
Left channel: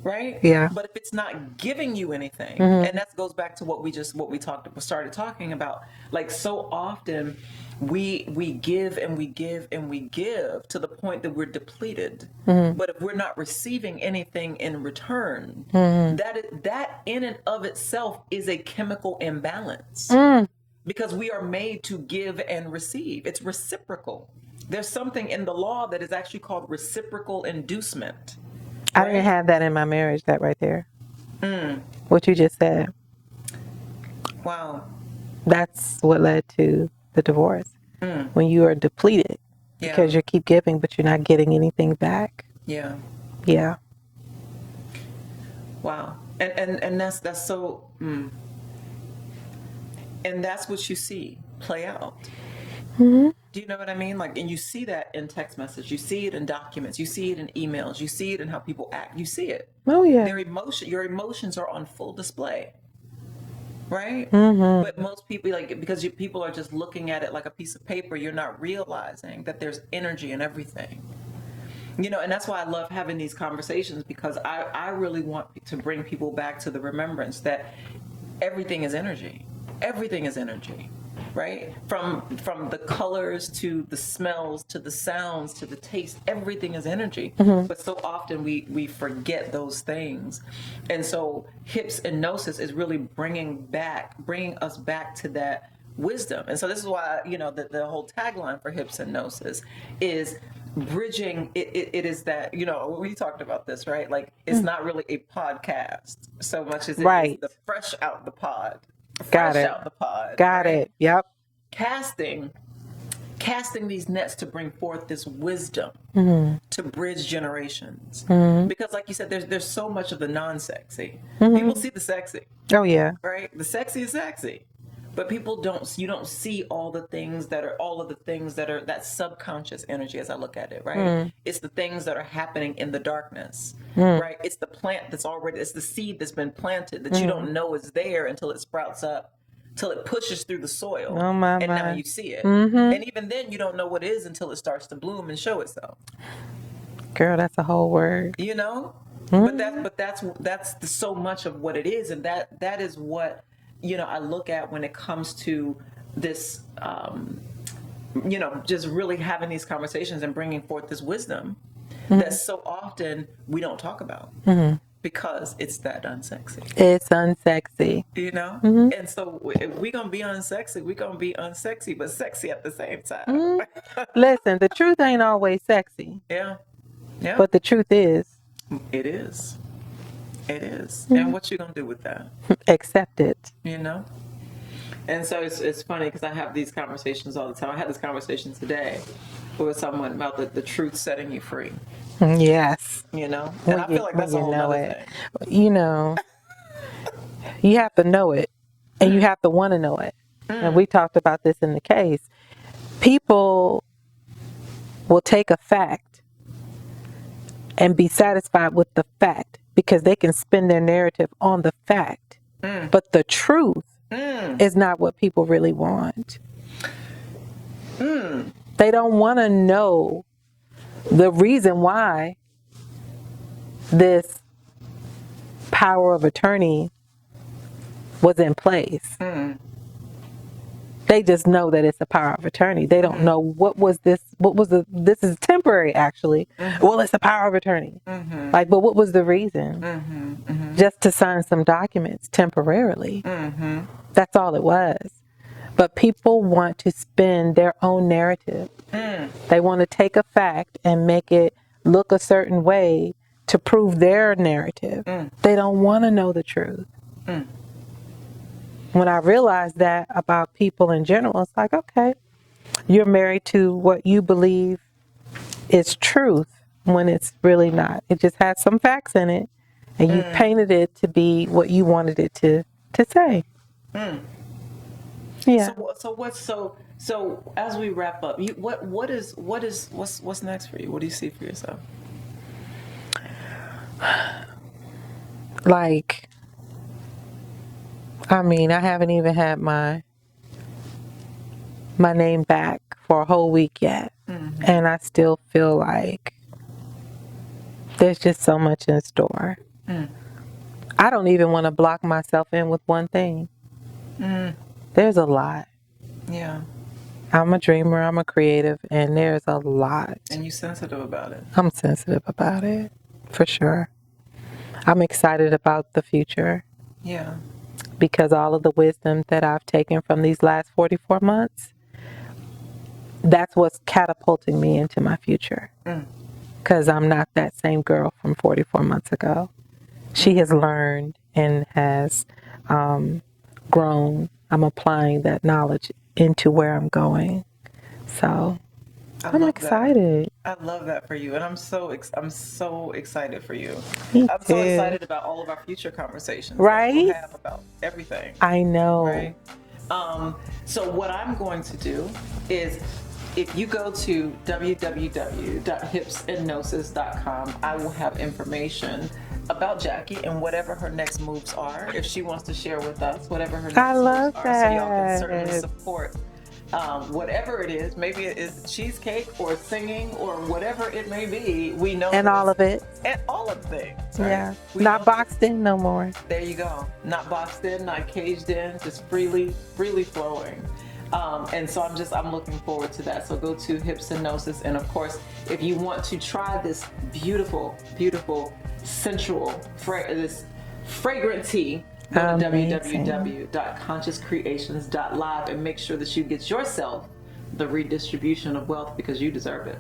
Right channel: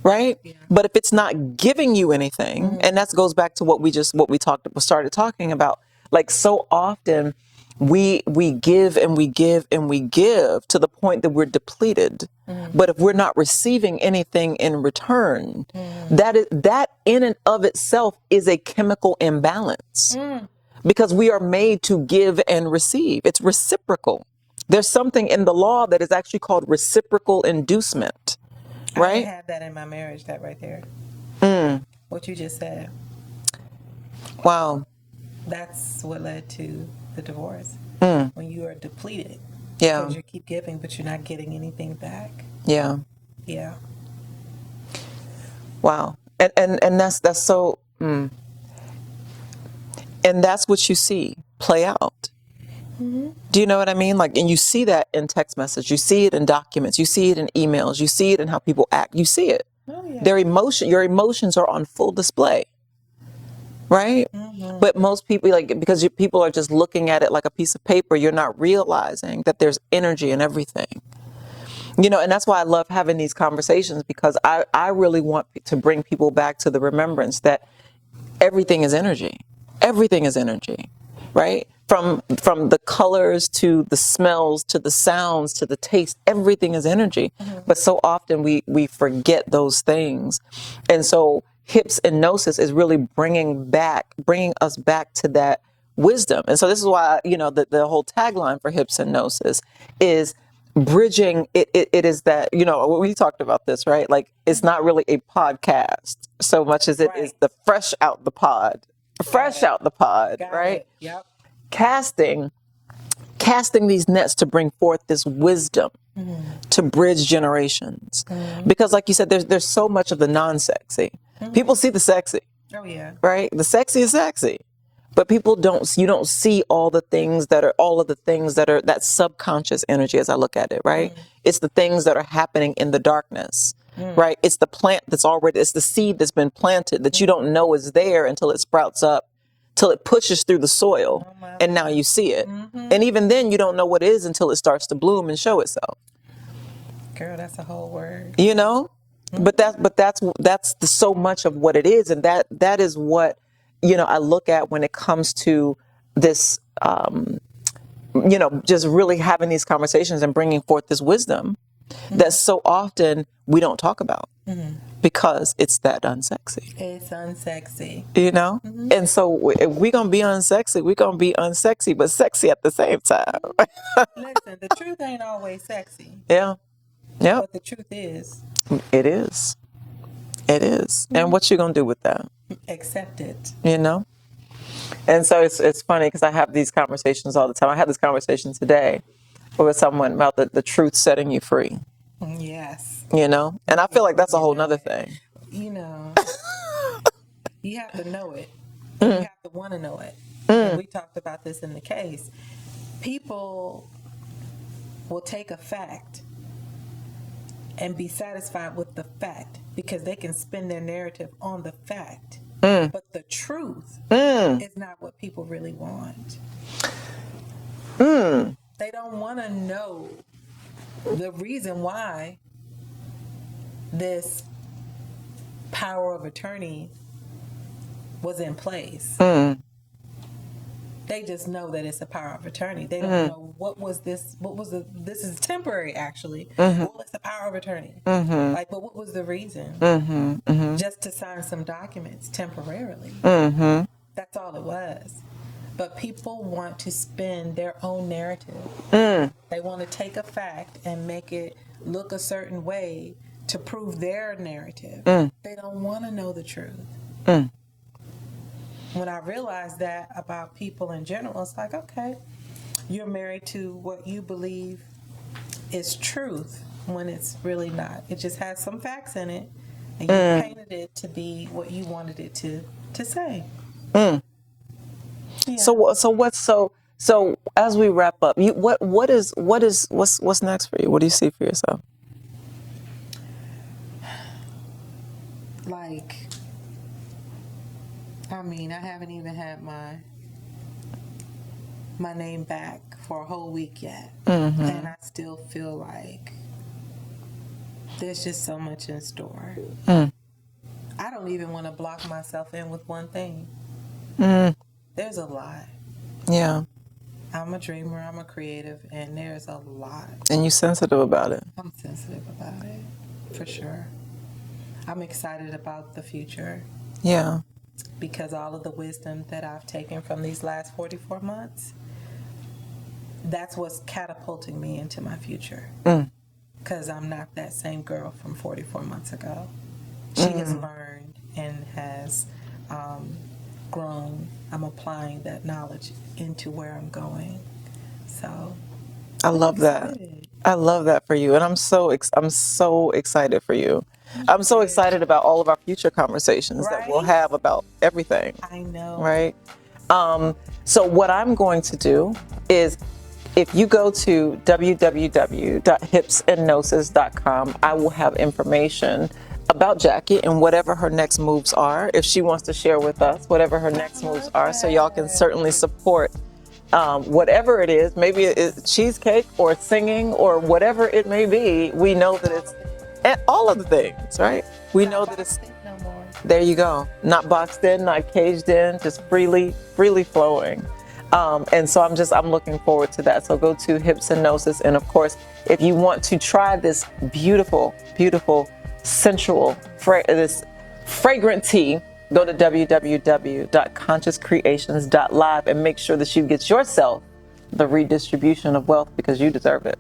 right? Yeah. But if it's not giving you anything, and that goes back to what we started talking about, like so often we give and we give and we give to the point that we're depleted. But if we're not receiving anything in return, that in and of itself is a chemical imbalance. Because we are made to give and receive. It's reciprocal. There's something in the law that is actually called reciprocal inducement. I Right? didn't have that in my marriage, that right there. What you just said. Wow. That's what led to the divorce. When you are depleted Yeah. because you keep giving, but you're not getting anything back. Yeah. Yeah. Wow. And that's so. And that's what you see play out. Do you know what I mean? Like, and you see that in text message, you see it in documents, you see it in emails, you see it in how people act, you see it. Oh, yeah. Your emotions are on full display, right? But most people, like, because people are just looking at it like a piece of paper, you're not realizing that there's energy in everything. You know, and that's why I love having these conversations, because I really want to bring people back to the remembrance that everything is energy. Everything is energy, right? From the colors to the smells to the sounds to the taste, everything is energy. But so often we forget those things. And so Hips and Gnosis is really bringing us back to that wisdom. And so this is why, you know, the whole tagline for Hips and Gnosis is bridging. It is that, you know, we talked about this, right? Like, it's not really a podcast so much as it is the fresh out the pod. Got it. Got right? it. Yep. Casting these nets to bring forth this wisdom to bridge generations. Because like you said, there's so much of the non-sexy. People see the sexy. Oh, yeah. Right? The sexy is sexy. But you don't see all of the things that are that subconscious energy, as I look at it, right? It's the things that are happening in the darkness, right? It's the plant it's the seed that's been planted that you don't know is there until it sprouts up, till it pushes through the soil, and now you see it. And even then, you don't know what it is until it starts to bloom and show itself. Girl, that's a whole word. You know? But that's so much of what it is, and that is what, you know, I look at when it comes to this, you know, just really having these conversations and bringing forth this wisdom that so often we don't talk about because it's that unsexy. It's unsexy. You know? And so if we're going to be unsexy, we're going to be unsexy, but sexy at the same time. Listen, the truth ain't always sexy. Yeah. Yeah. But the truth is. It is. It is. And what you going to do with that? Accept it. You know? And so it's funny because I have these conversations all the time. I had this conversation today with someone about the truth setting you free. Yes. You know? And I feel like that's a whole nother thing. You know, you have to know it, and you have to want to know it. And we talked about this in the case. People will take a fact and be satisfied with the fact because they can spin their narrative on the fact. But the truth is not what people really want. They don't want to know the reason why this power of attorney was in place. They just know that it's a power of attorney. They don't know this is temporary actually. Well, it's a power of attorney. Like, but what was the reason? Just to sign some documents temporarily. That's all it was. But people want to spin their own narrative. They want to take a fact and make it look a certain way to prove their narrative. They don't want to know the truth. When I realized that about people in general, it's like, okay, you're married to what you believe is truth when it's really not. It just has some facts in it, and you painted it to be what you wanted it to say. Yeah. So as we wrap up, what's next for you? What do you see for yourself? Like, I mean, I haven't even had my name back for a whole week yet. And I still feel like there's just so much in store. I don't even want to block myself in with one thing. There's a lot. Yeah. I'm a dreamer, I'm a creative, and there's a lot. And you're sensitive about it. I'm sensitive about it, for sure. I'm excited about the future Yeah. because all of the wisdom that I've taken from these last 44 months, that's what's catapulting me into my future. Because I'm not that same girl from 44 months ago. She has learned and has grown. I'm applying that knowledge into where I'm going. So I I'm love excited. that. I love that for you, and I'm so excited for you. I'm so too. excited about all of our future conversations that we'll Right? have about everything. I know. Right. So what I'm going to do is, if you go to www.hipsandgnosis.com, I will have information about Jackie and whatever her next moves are. If she wants to share with us whatever her next moves love are, so y'all can certainly that. support whatever it is. Maybe it is cheesecake or singing or whatever it may be. We know And that all of it. and all of the things, right? Yeah. We Not know that boxed in no more. there you go. Not boxed in, not caged in, just freely flowing. And so I'm looking forward to that. So go to Hips and Gnosis. And of course, if you want to try this beautiful, sensual, this fragrant tea, go to www.consciouscreations.live and make sure that you get yourself the redistribution of wealth, because you deserve it.